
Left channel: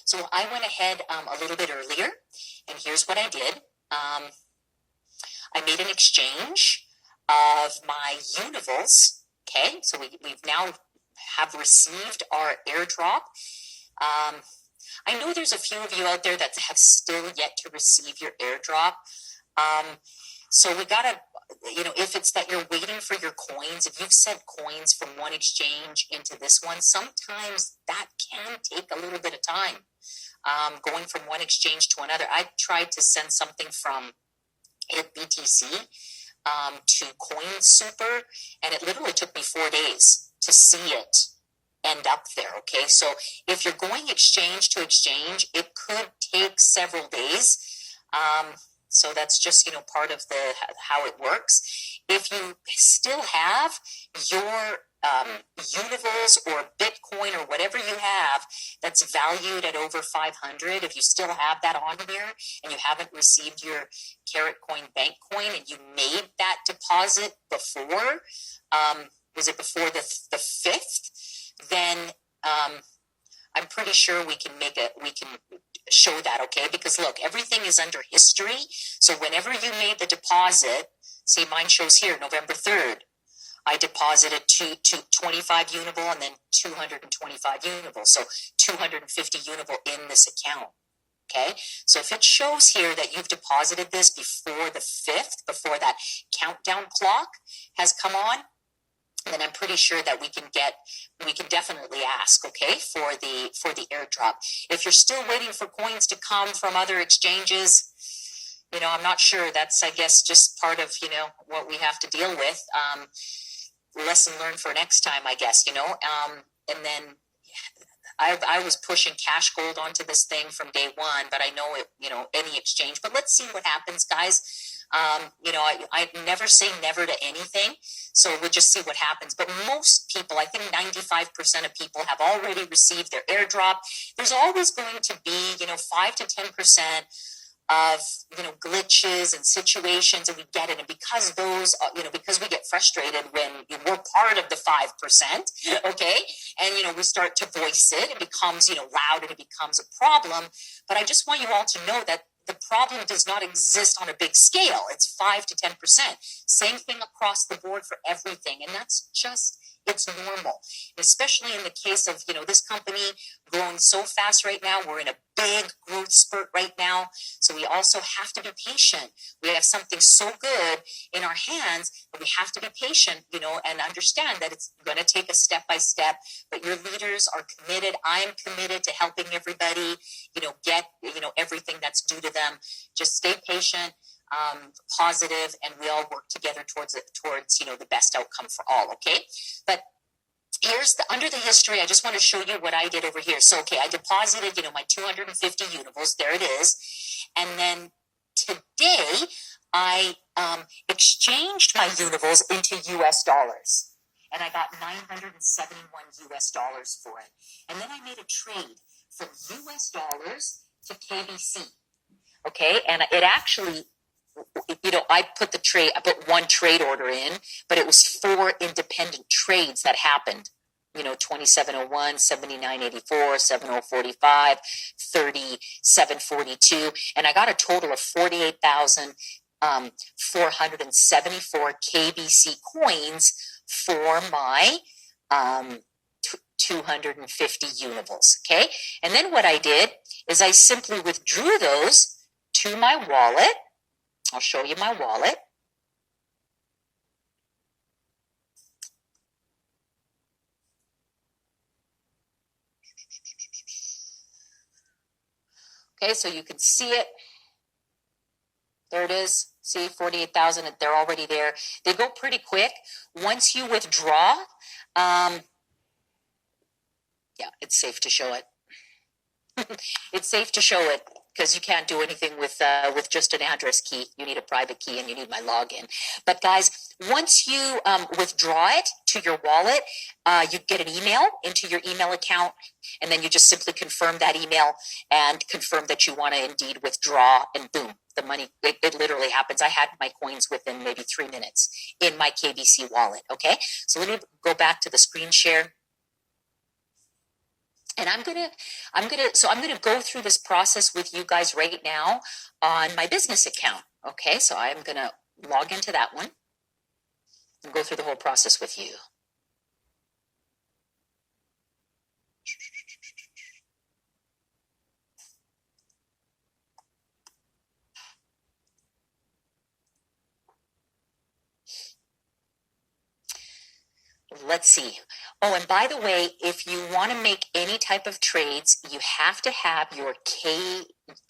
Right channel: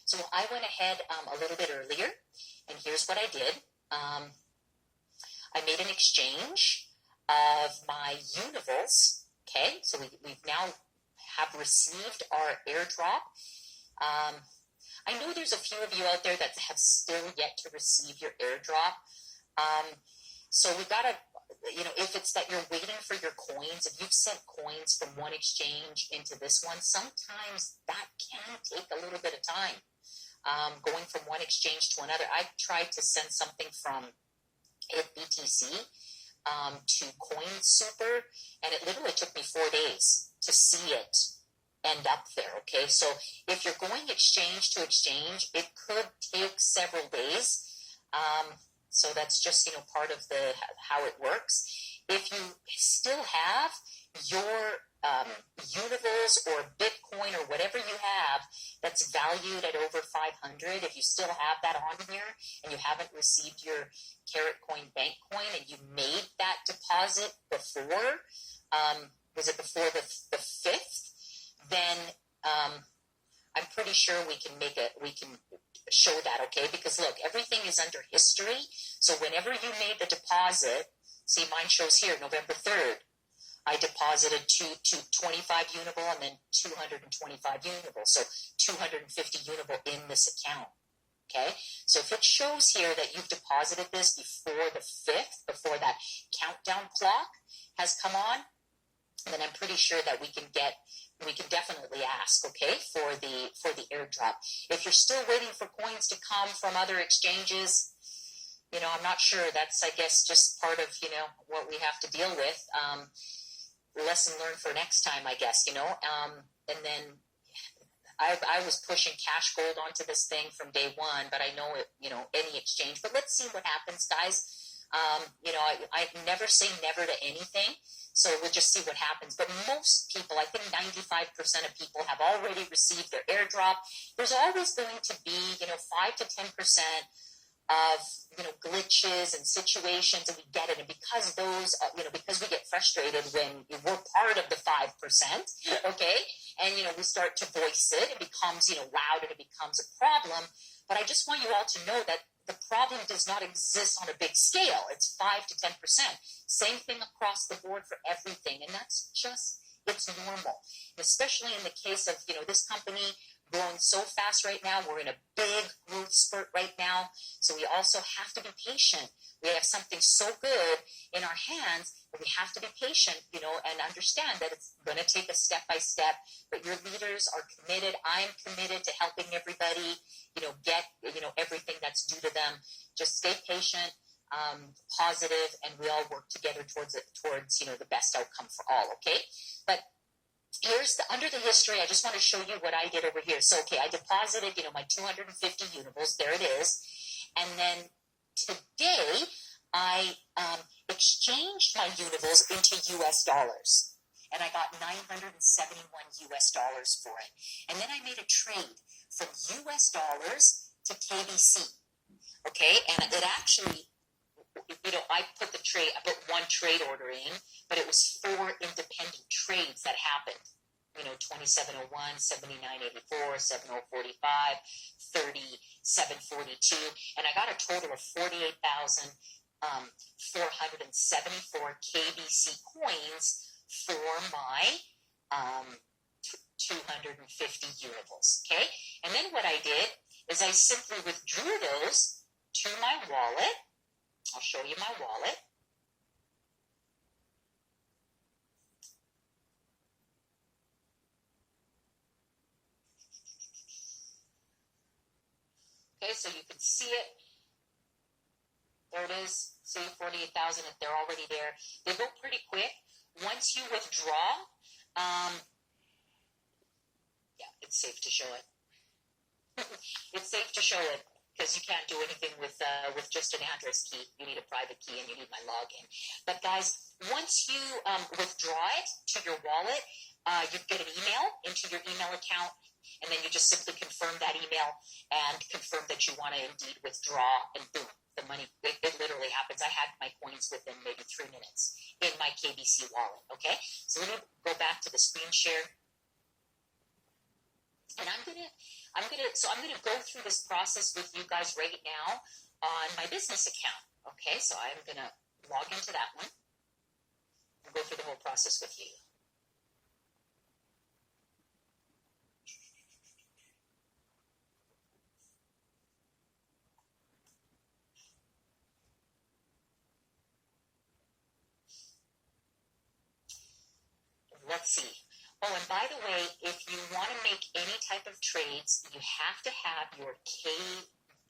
So I went ahead a little bit earlier, and here's what I did. I made an exchange of my Univals. Okay, so we've now have received our airdrop. I know there's a few of you out there that have still yet to receive your airdrop. So we gotta, if it's that you're waiting for your coins, if you've sent coins from one exchange into this one, sometimes that can take a little bit of time. Going from one exchange to another. I tried to send something from BTC to Coin Super, and it literally took me 4 days to see it end up there. Okay, so if you're going exchange to exchange, it could take several days. So that's just, part of how it works. If you still have your Universe or Bitcoin or whatever you have that's valued at over 500, if you still have that on here and you haven't received your Carrot Coin Bank Coin and you made that deposit before, was it before the 5th? Then I'm pretty sure we can show that, okay? Because look, everything is under history. So whenever you made the deposit, see, mine shows here November 3rd. I deposited 25 Unival and then 225 Unival. So 250 Unival in this account. Okay, so if it shows here that you've deposited this before the 5th, before that countdown clock has come on, then I'm pretty sure that we can definitely ask, okay, for the airdrop. If you're still waiting for coins to come from other exchanges, I'm not sure. That's, I guess, just part of, what we have to deal with. Lesson learned for next time, I guess, and then I was pushing Cash Gold onto this thing from day one, but I know it, any exchange. But let's see what happens, guys. I never say never to anything, so we'll just see what happens. But most people, I think 95% of people have already received their airdrop. There's always going to be, 5 to 10% of, glitches and situations, and we get it. And because those, because we get frustrated when we're part of the 5%, okay, and, we start to voice it, it becomes, loud, and it becomes a problem. But I just want you all to know that the problem does not exist on a big scale. It's 5 to 10%. Same thing across the board for everything. And that's just, it's normal, especially in the case of, this company growing so fast right now. We're in a big growth spurt right now. So we also have to be patient. We have something so good in our hands, but we have to be patient, and understand that it's going to take us step by step. But your leaders are committed. I'm committed to helping everybody, get, everything that's due to them. Just stay patient, positive, and we all work together towards the best outcome for all. Okay. But here's under the history. I just want to show you what I did over here. So, okay, I deposited, my 250 Univals. There it is. And then today I exchanged my Univals into US dollars. And I got $971 US for it. And then I made a trade from US dollars to KBC. Okay. And it actually, I put one trade order in, but it was 4 independent trades that happened. 2701, 7984, 7045, 3742, and I got a total of 48,474 KBC coins for my 250 Univals. Okay, and then what I did is I simply withdrew those to my wallet. I'll show you my wallet. Okay, so you can see it. There it is. See, 48,000, they're already there. They go pretty quick. Once you withdraw, yeah, it's safe to show it. It's safe to show it, because you can't do anything with just an address key. You need a private key, and you need my login. But guys, once you withdraw it to your wallet, you get an email into your email account, and then you just simply confirm that email and confirm that you want to indeed withdraw, and boom, the money, it literally happens. I had my coins within maybe 3 minutes in my KBC wallet. Okay, so let me go back to the screen share. And I'm gonna go through this process with you guys right now on my business account. Okay, so I'm gonna log into that one and go through the whole process with you. Let's see. Oh, and by the way, if you want to make any type of trades, you have to have your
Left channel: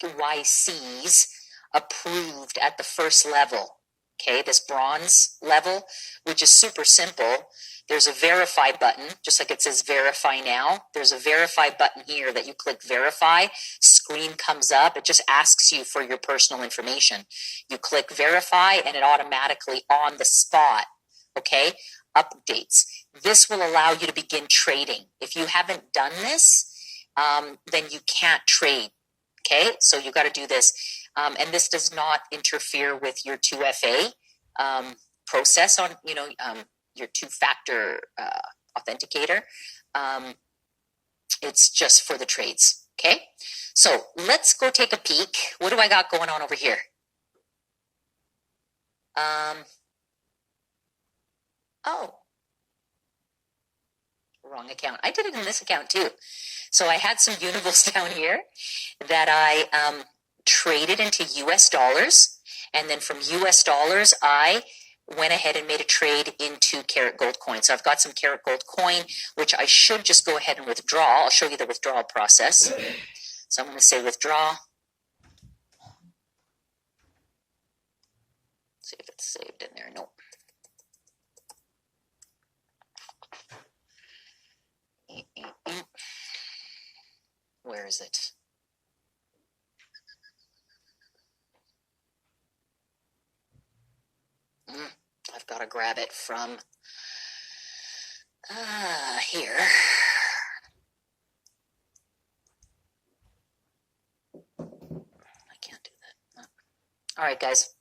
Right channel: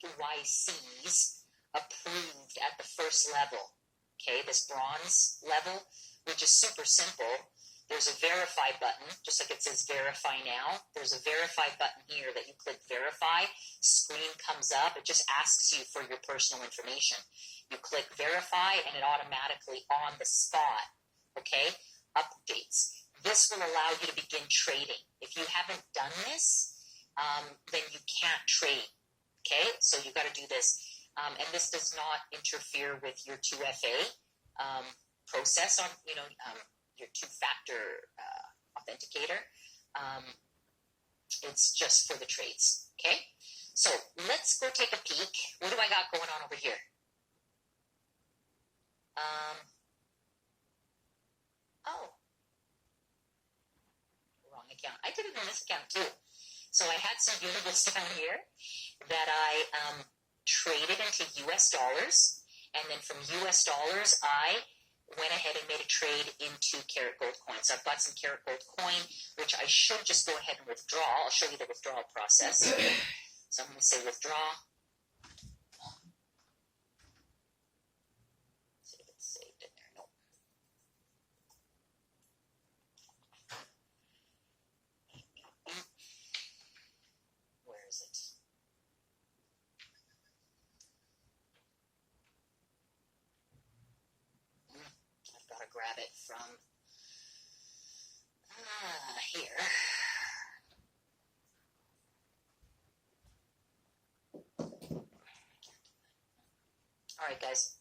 KYCs approved at the first level. Okay, this bronze level, which is super simple. There's a verify button, just like it says verify now. There's a verify button here that you click verify. Screen comes up. It just asks you for your personal information. You click verify, and it automatically on the spot, okay, updates. this will allow you to begin trading. If you haven't done this, then you can't trade. Okay, so you got to do this. And this does not interfere with your 2FA process on, your two-factor authenticator. It's just for the trades. Okay, so let's go take a peek. What do I got going on over here? Oh, wrong account. I did it in this account too. So I had some Unibles down here that I traded into US dollars. And then from US dollars, I went ahead and made a trade into Carat Gold coin. So I've got some Carat Gold coin, which I should just go ahead and withdraw. I'll show you the withdrawal process. So I'm going to say withdraw. See if it's saved in there. Nope. Where is it? I've got to grab it from here. I can't do that. All right, guys.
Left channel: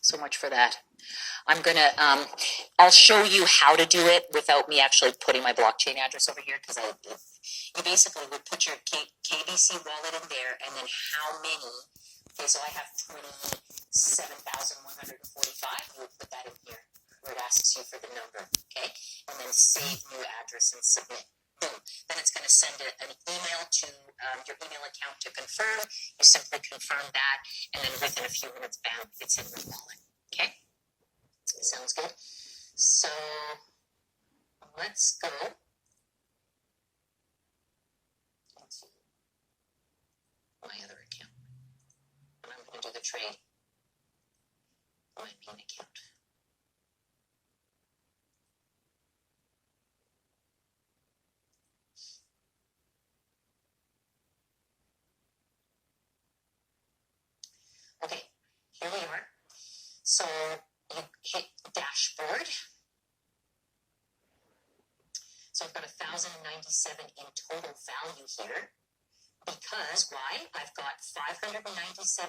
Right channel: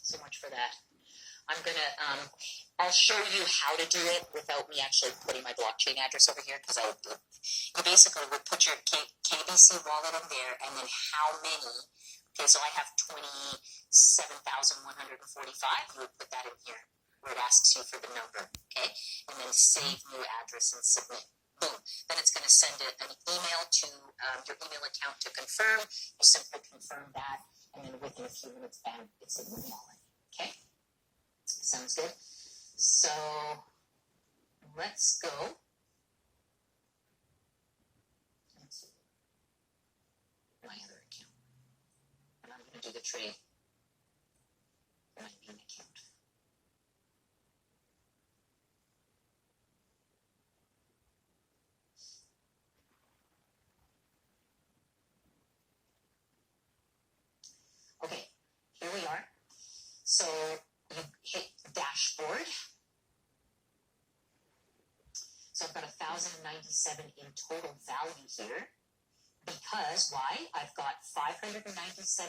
So much for that. I'm going to, I'll show you how to do it without me actually putting my blockchain address over here, because you basically would put your KBC wallet in there, and then how many, okay, so I have 27,145, you would put that in here, where it asks you for the number, okay, and then save new address and submit. Boom. Then it's going to send an email to your email account to confirm. You simply confirm that, and then within a few minutes, bam, it's in the wallet, okay? Sounds good. So let's go. Let's my other account. And I'm going to do the trade. My main account. Okay, here we are. So you hit dashboard. So I've got 1,097 in total value here. Because, why? I've got 597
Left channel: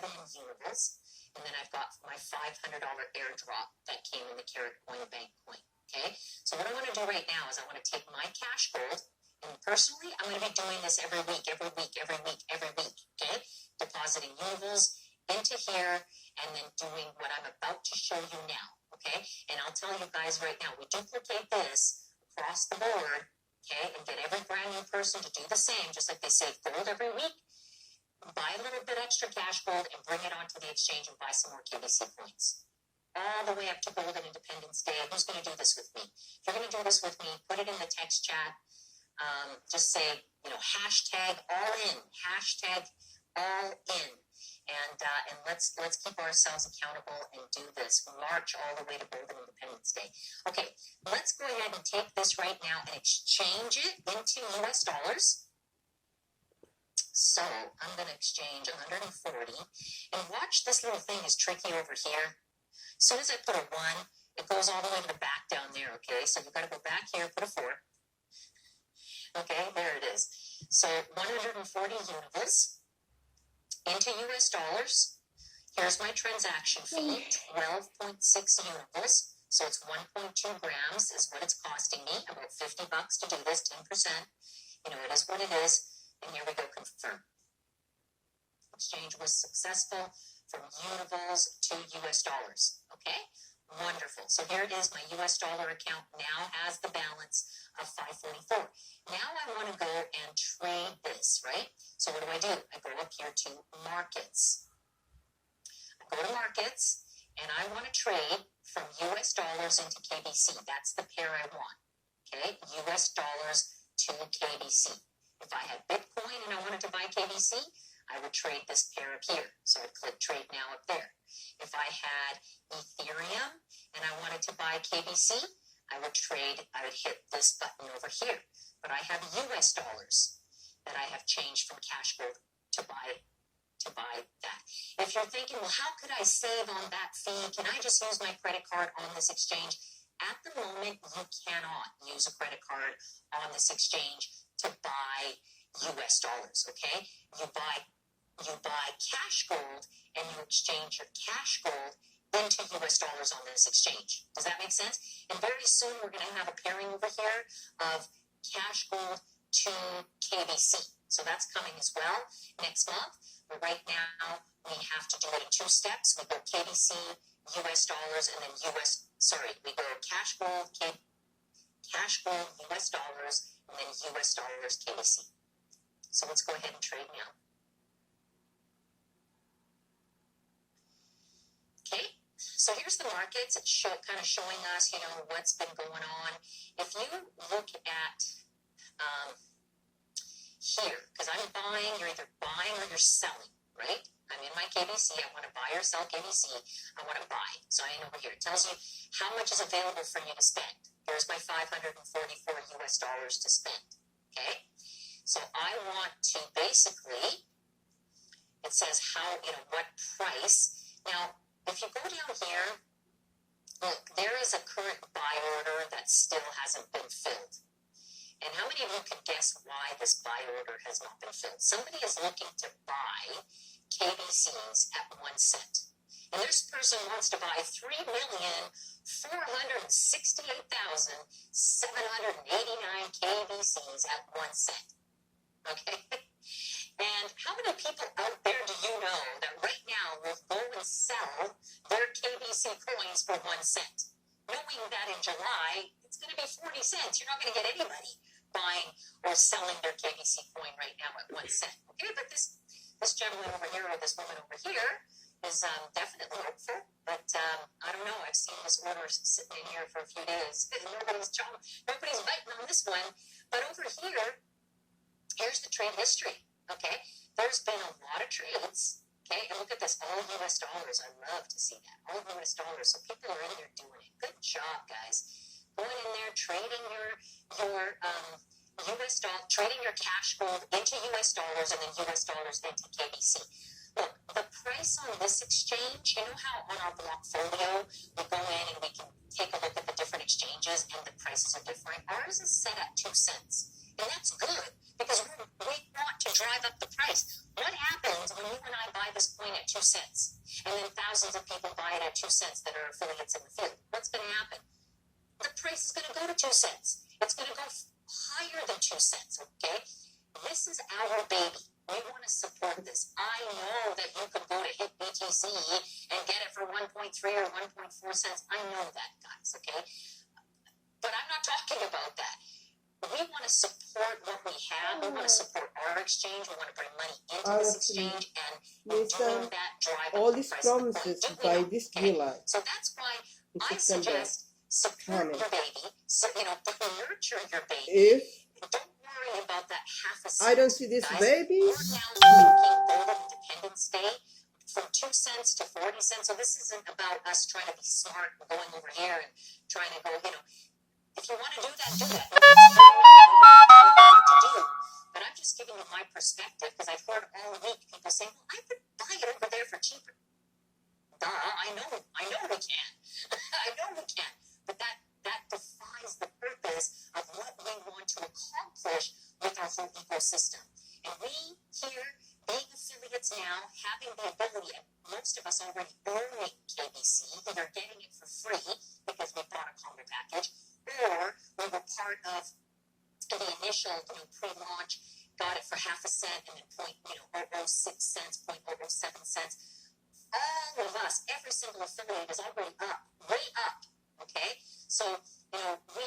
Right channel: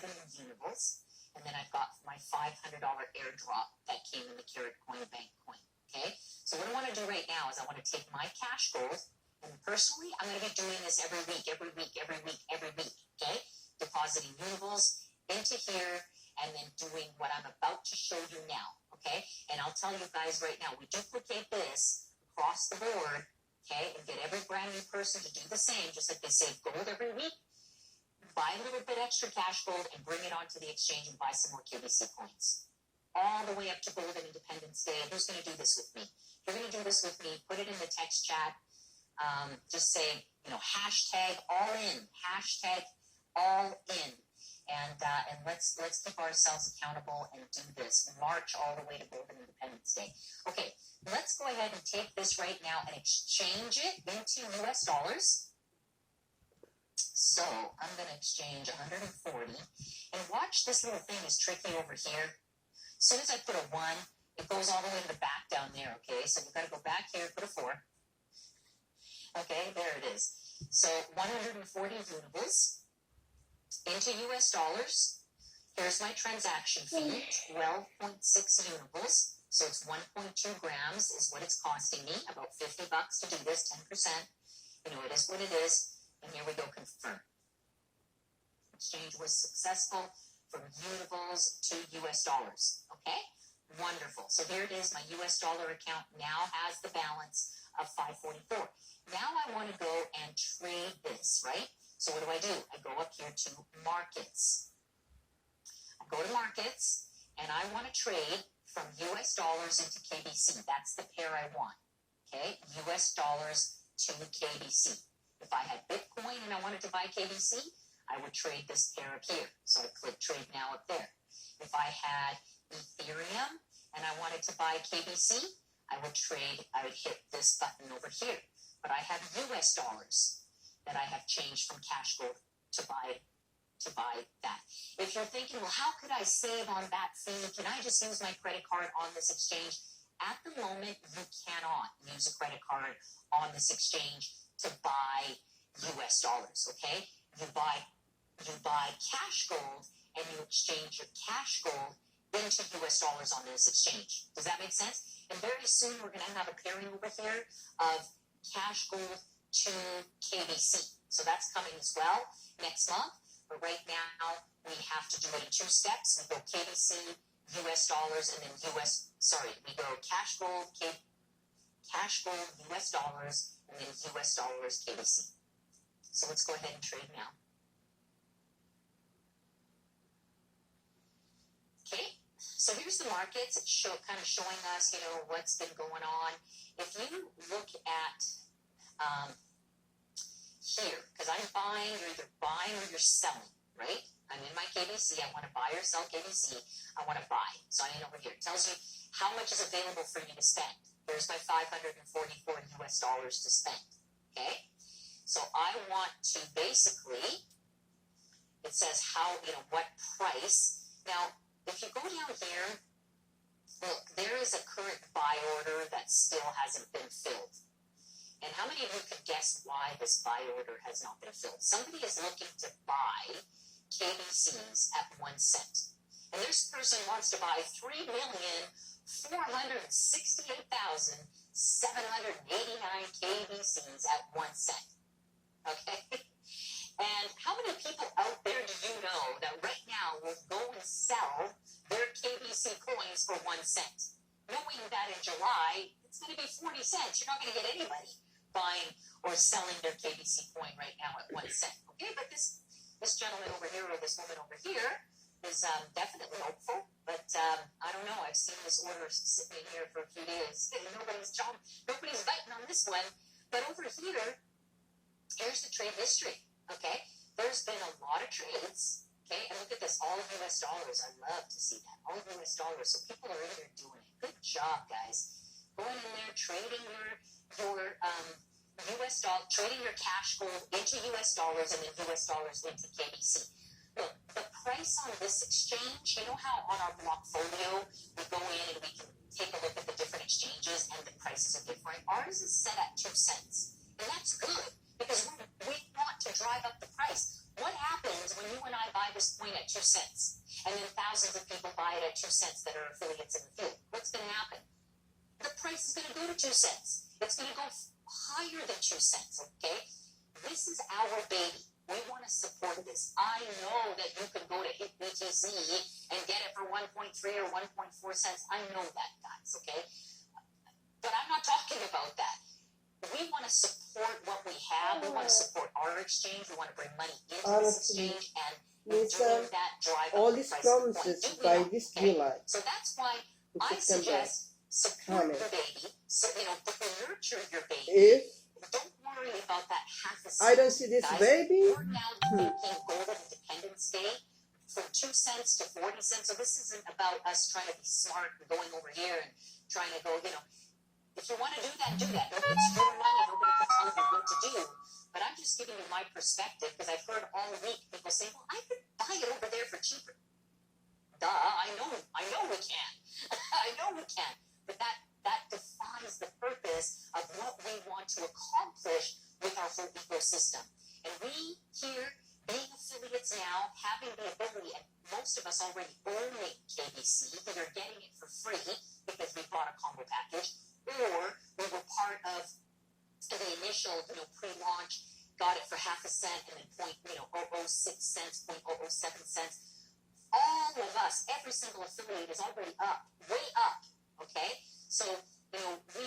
in Unibles, and then I've got my $500 airdrop that came in the Carat Coin Bank coin. Okay? So what I want to do right now is I want to take my cash gold, and personally, I'm going to be doing this every week. Okay? Depositing Unibles into here, and then doing what I'm about to show you now, okay? And I'll tell you guys right now, we duplicate this across the board, okay, and get every brand new person to do the same, just like they save gold every week, buy a little bit extra cash gold and bring it onto the exchange and buy some more KBC coins. All the way up to Gold and Independence Day. Who's going to do this with me? If you're going to do this with me, put it in the text chat. Just say, hashtag all in, hashtag all in. And let's keep ourselves accountable and do this. March all the way to Golden Independence Day. Okay, let's go ahead and take this right now and exchange it into US dollars. So I'm going to exchange 140. And watch, this little thing is tricky over here. As soon as I put a 1, it goes all the way to the back down there, okay? So we've got to go back here, put a 4. Okay, there it is. So 140 Unibles into US dollars. Here's my transaction fee, 12.6 Unibles. So it's 1.2 grams is what it's costing me, about $50 to do this, 10%. It is what it is. And here we go, confirm. Exchange was successful from Unibles to US dollars. Okay, wonderful. So here it is. My US dollar account now has the balance of 544. Now I want to go and trade this, right? So what do? I go up here to markets. I go to markets, and I want to trade from US dollars into KBC. That's the pair I want, okay? US dollars to KBC. If I had Bitcoin and I wanted to buy KBC, I would trade this pair up here. So I'd click trade now up there. If I had Ethereum and I wanted to buy KBC, I would hit this button over here. But I have US dollars that I have changed from cash gold to buy that. If you're thinking, well, how could I save on that fee? Can I just use my credit card on this exchange? At the moment, you cannot use a credit card on this exchange to buy US dollars, okay? You buy cash gold and you exchange your cash gold into US dollars on this exchange. Does that make sense? And very soon we're going to have a pairing over here of cash gold to KBC. So that's coming as well next month. But right now we have to do it in two steps. We go KBC, US dollars, and then we go cash gold, US dollars, and then US dollars, KBC. So let's go ahead and trade now. Okay, so here's the markets. It's kind of showing us, what's been going on. If you look at here, because I'm buying, you're either buying or you're selling, right? I'm in my KBC. I want to buy or sell KBC. I want to buy. So I'm over here. It tells you how much is available for you to spend. There's my $544 US dollars to spend. Okay? So I want to basically, it says how, what price. Now, if you go down here, look, there is a current buy order that still hasn't been filled. And how many of you can guess why this buy order has not been filled? Somebody is looking to buy KBCs at 1 cent. And this person wants to buy 3,468,789 KBCs at 1 cent. Okay? And how many people out there do you know that right now will go and sell their KBC coins for 1 cent? Knowing that in July, it's going to be 40 cents. You're not going to get anybody buying or selling their KBC coin right now at 1 cent. Okay, but this gentleman over here or this woman over here is definitely hopeful. But I don't know. I've seen this order sitting in here for a few days. Nobody's biting on this one. But over here, here's the trade history. Okay, there's been a lot of trades. Okay, and look at this, all US dollars. I love to see that, all US dollars. So people are in there doing it. Good job, guys. Going in there, trading your US dollar, trading your cash gold into US dollars and then US dollars into KBC. Look, the price on this exchange, you know how on our Blockfolio we go in and we can take a look at the different exchanges and the prices are different? Ours is set at 2 cents. And that's good because we want to drive up the price. What happens when you and I buy this coin at 2 cents and then thousands of people buy it at 2 cents that are affiliates in the field? What's going to happen? The price is going to go to 2 cents. It's going to go higher than 2 cents, okay? This is our baby. We want to support this. I know that you can go to hit BTC and get it for 1.3 or 1.4 cents. I know that, guys, okay? But I'm not talking about that. We want to support what we have. We want to support our exchange. We want to bring money into this exchange and doing that drive all up the these price promises of the coin. by this July. So that's why in I September, suggest support your baby. So, nurture your baby. if Don't worry about that half a cent. I don't see this Guys, baby, we're now taking Golden Independence Day from 2 cents to 40 cents. So this isn't about us trying to be smart and going over here and trying to go, if you want to do that, do that. It's your money, nobody can tell you what to do. But I'm just giving you my perspective because I've heard all week people saying, well, I could buy it over there for cheaper. Duh, I know we can. I know we can. But that defies the purpose of what we want to accomplish with our whole ecosystem. And we here, being affiliates now, having the ability, and most of us already owning KBC, either getting it for free because we bought a combo package, or we were part of the initial, pre-launch, got it for half a cent and then 0.006 cents, 0.007 cents. All of us, every single affiliate is already up, way up, okay? So, we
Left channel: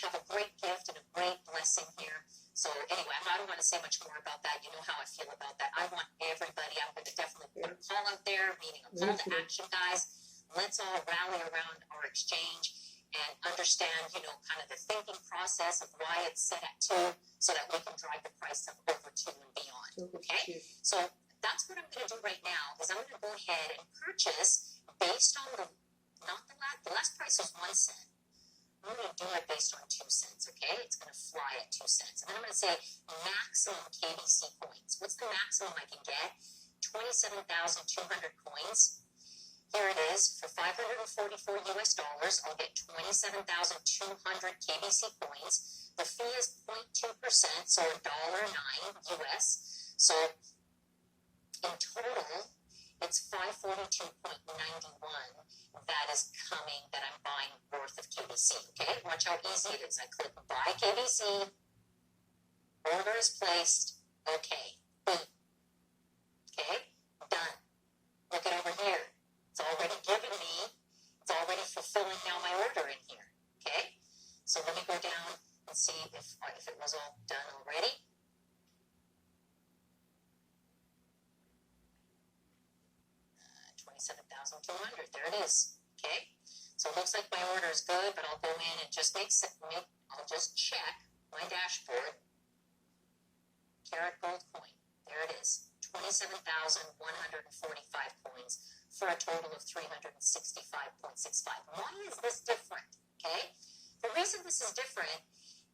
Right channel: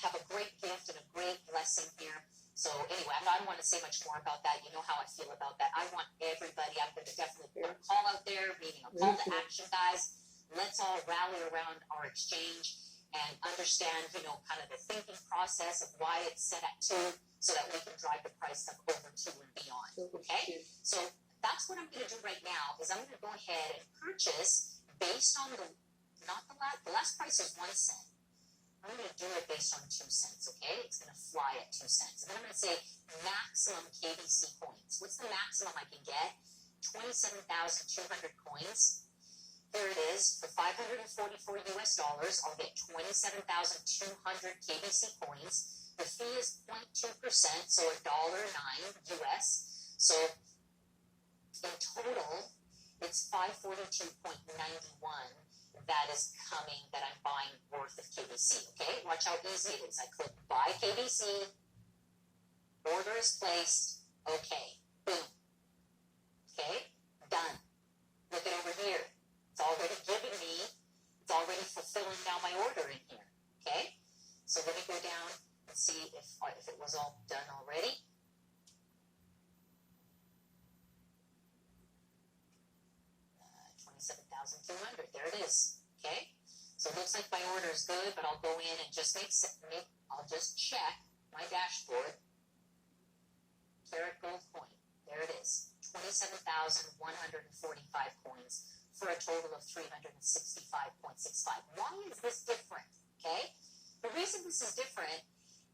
have a great gift and a great blessing here. So anyway, I don't want to say much more about that. You know how I feel about that. I want everybody, I'm going to definitely put a call out there, meaning a call to action, guys. Let's all rally around our exchange and understand, kind of the thinking process of why it's set at 2 so that we can drive the price up over 2 and beyond, okay? So that's what I'm going to do right now is I'm going to go ahead and purchase based on the last price is 1 cent. I'm going to do it based on 2 cents, okay? It's going to fly at 2 cents. And then I'm going to say maximum KBC coins. What's the maximum I can get? 27,200 coins. Here it is. For $544 US, I'll get 27,200 KBC coins. The fee is 0.2%, so $1.09 US. So in total, it's 542.91 that is coming, that I'm buying worth of KBC. Okay, watch how easy it is. I click buy KBC, order is placed, okay, boom. Okay, done. Look it over here. It's already given me, it's already fulfilling now my order in here. Okay, so let me go down and see if it was all done already. $27,200. There it is. Okay, so it looks like my order is good, but I'll go in and just I'll just check my dashboard. Carat gold coin. There it is. 27,145 coins for a total of 365.65. Why is this different? Okay, the reason this is different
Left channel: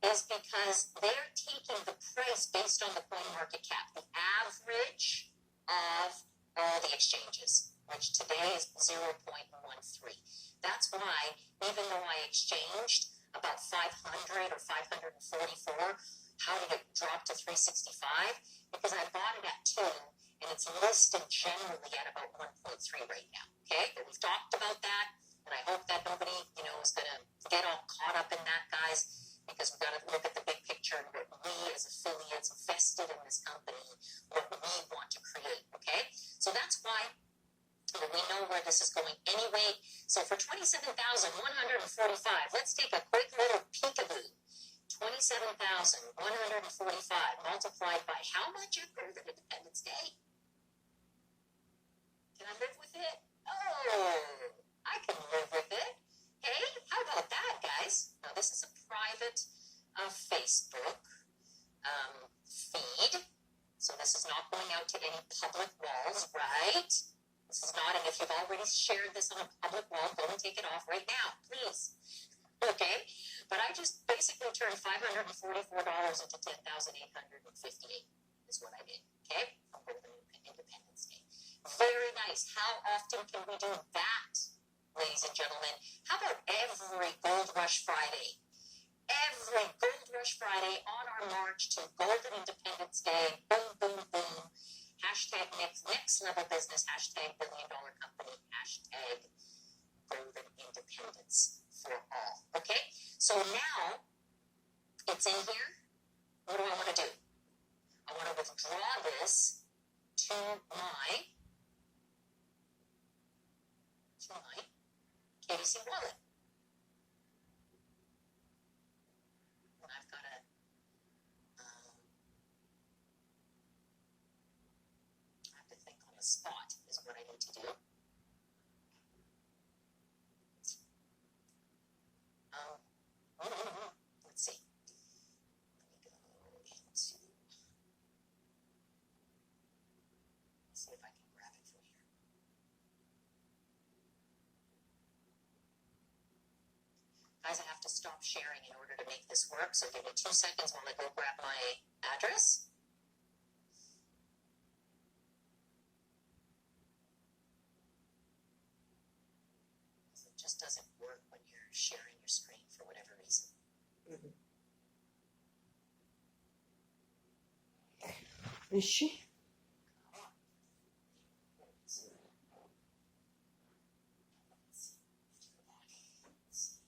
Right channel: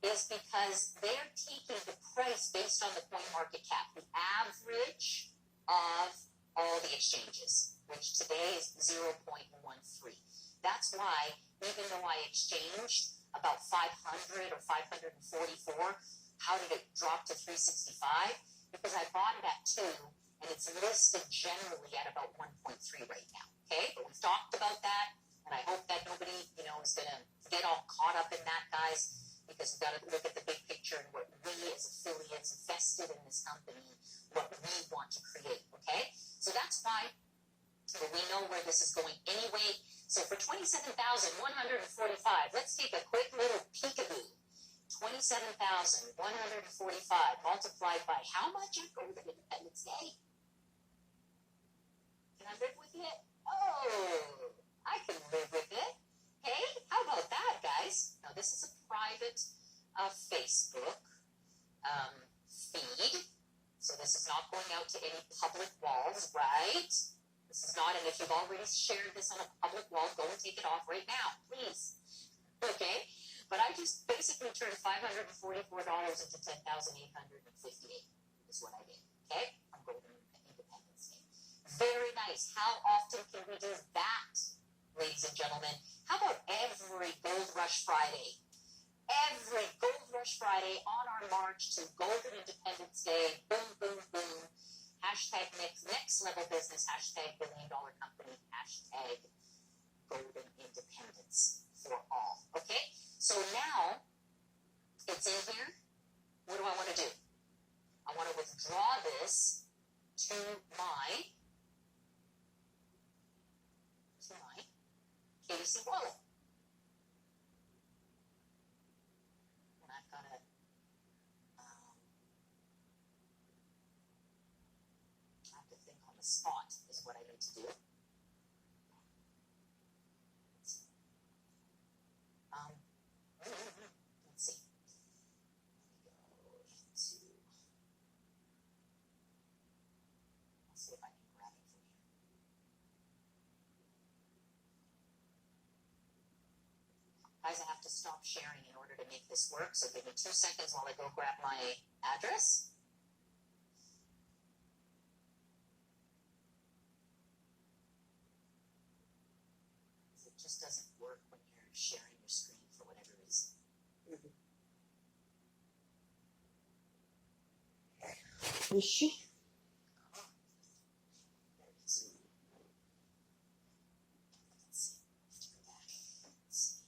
is because they're taking the price based on the coin market cap, the average of all the exchanges, which today is 0.13. That's why, even though I exchanged about 500 or 544, how did it drop to 365? Because I bought it at 2, and it's listed generally at about 1.3 right now. Okay, but we've talked about that, and I hope that nobody, is going to get all caught up in that, guys, because we've got to look at the big picture and what we as affiliates invested in this company, what we want to create. Okay, so that's why we know where this is going anyway. So for 27,145, let's take a quick little peekaboo. 27,145 multiplied by how much after the Independence Day? Can I live with it? Oh, I can live with it. Hey, how about that, guys? Now, this is a private Facebook feed, so this is not going out to any public walls, right? This is not, and if you've already shared this on a public wall, go and take it off right now, please. Okay? But I just basically turned $544 into $10,858 is what I did. Okay? On Golden Independence Day. Very nice. How often can we do that, ladies and gentlemen? How about every Gold Rush Friday? Every Gold Rush Friday on our march to Golden Independence Day. Boom, boom, boom. Hashtag next level business. Hashtag $1 billion company. Hashtag Golden Independence for all. Okay? So now it's in here. What do I want to do? I want to withdraw this to my KBC wallet. And I've got to I have to think on the spot is what I need to do. Let's see. Let me go into. I'll see if I can grab it from here. Guys, I have to stop sharing in order to make this work, so give me 2 seconds while I go grab my address. It just doesn't work when you're sharing your screen for whatever reason. Is she? Come on. There it is. Let's see. Let's go back. Let's see.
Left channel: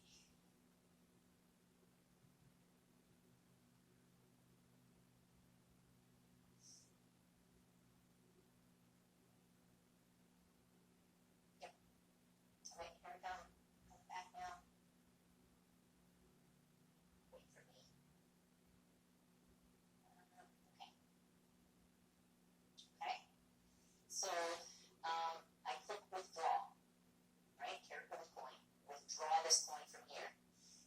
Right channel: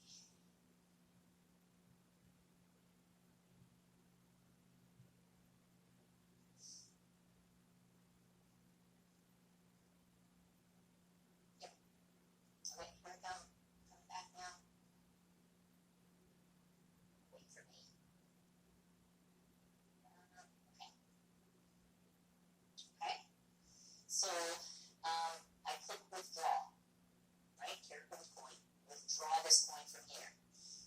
Yep. So wait, here I come. Coming back now. Wait for me. Okay. Okay. So I click withdraw. Right? Carat gold coin. Withdraw this coin from here.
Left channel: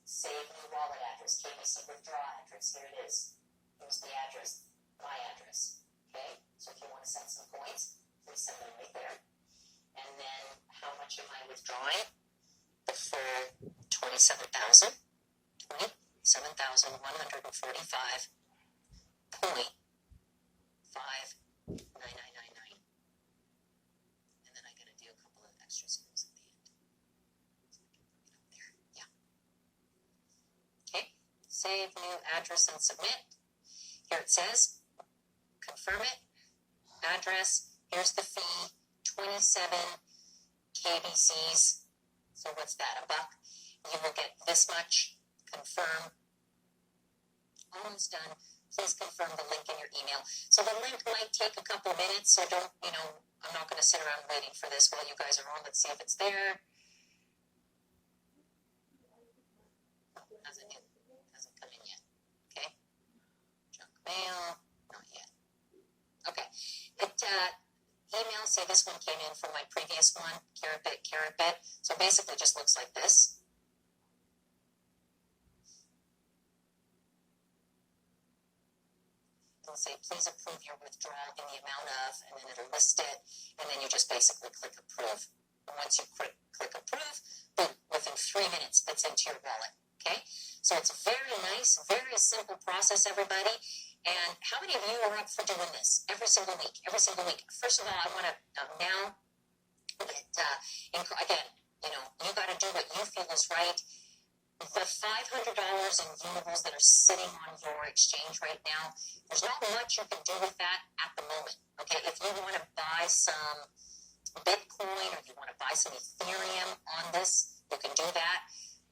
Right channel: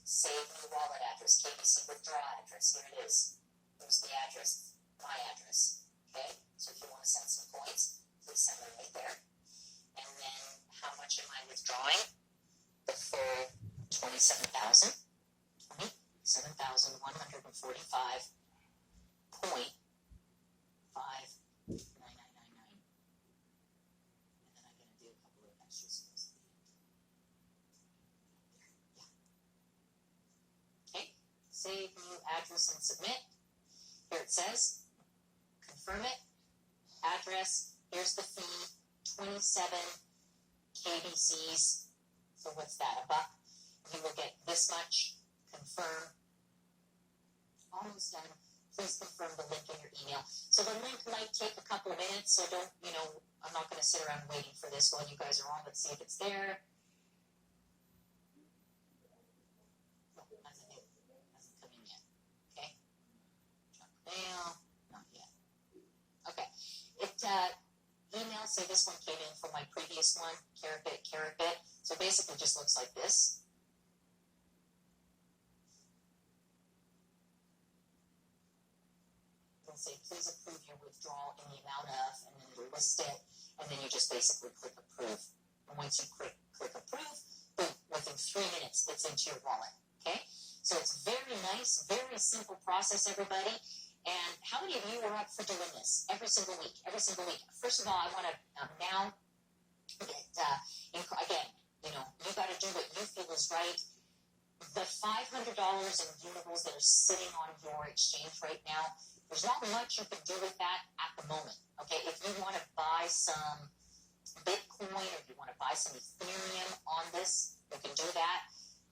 Save new wallet address. KBC withdraw address. Here it is. Here's the address. My address. Okay? So if you want to send some coins, please send them right there. And then how much am I withdrawing? The full 27,000. 27,145.5999. And then I'm going to do a couple of extra zeros address, and submit. Here it says, confirm it, address, here's the fee, 27 KBCs. So what's that, $1? You will get this much, confirm. Almost done. Please confirm the link in your email. So the link might take a couple of minutes, so don't, I'm not going to sit around waiting for this while you guys are on. Let's see if it's there. Hasn't come in yet. Okay. Junk mail, not yet. Okay. Email, see this one came in from my previous one, carrot bit. So basically just looks like this. It'll say, please approve your withdrawal in the amount of, and then it'll list it, and then you just basically click approve. And once you click approve, boom, within 3 minutes, it's into your wallet. Okay? So it's very nice, very simple process, everybody. And how many of you are up for doing this every single week? Every single week. First of all, I want to now, again, you got to do what you feel is right. The $500 in Unibles that are sitting on your exchange right now, there's not much you can do with that at the moment. Okay, if you want to buy some Bitcoin or you want to buy some Ethereum on this, you can do that.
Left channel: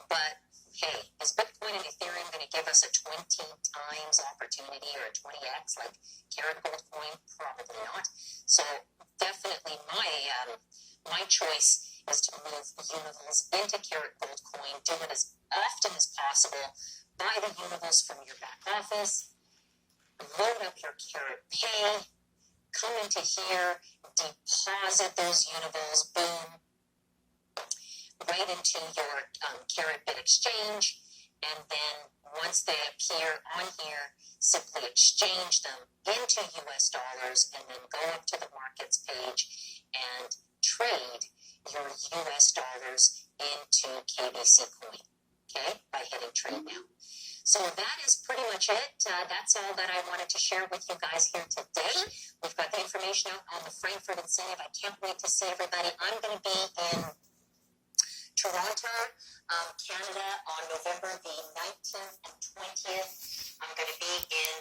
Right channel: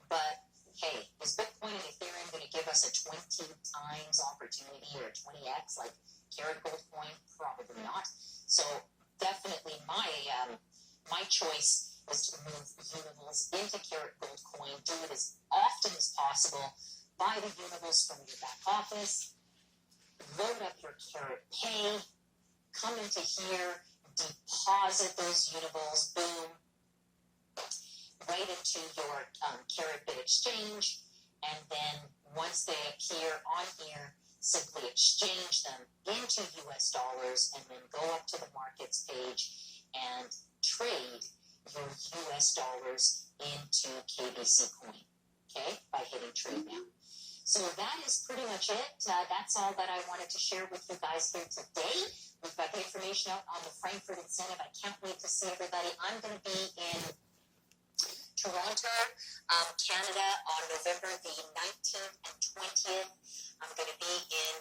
But hey, is Bitcoin and Ethereum going to give us a 20 times opportunity or a 20x like Carrot Gold Coin? Probably not. So definitely my choice is to move Unibles into Carrot Gold Coin. Do it as often as possible. Buy the Unibles from your back office. Load up your Carrot Pay. Come into here. Deposit those Unibles. Boom. Right into your Carrot Bit exchange, and then once they appear on here, simply exchange them into US dollars, and then go up to the markets page and trade your US dollars into KBC coin, okay, by hitting trade now. So that is pretty much it. That's all that I wanted to share with you guys here today. We've got the information out on the Frankfurt incentive. I can't wait to see everybody. I'm going to be in Toronto, Canada on November the 19th and 20th. I'm going to be in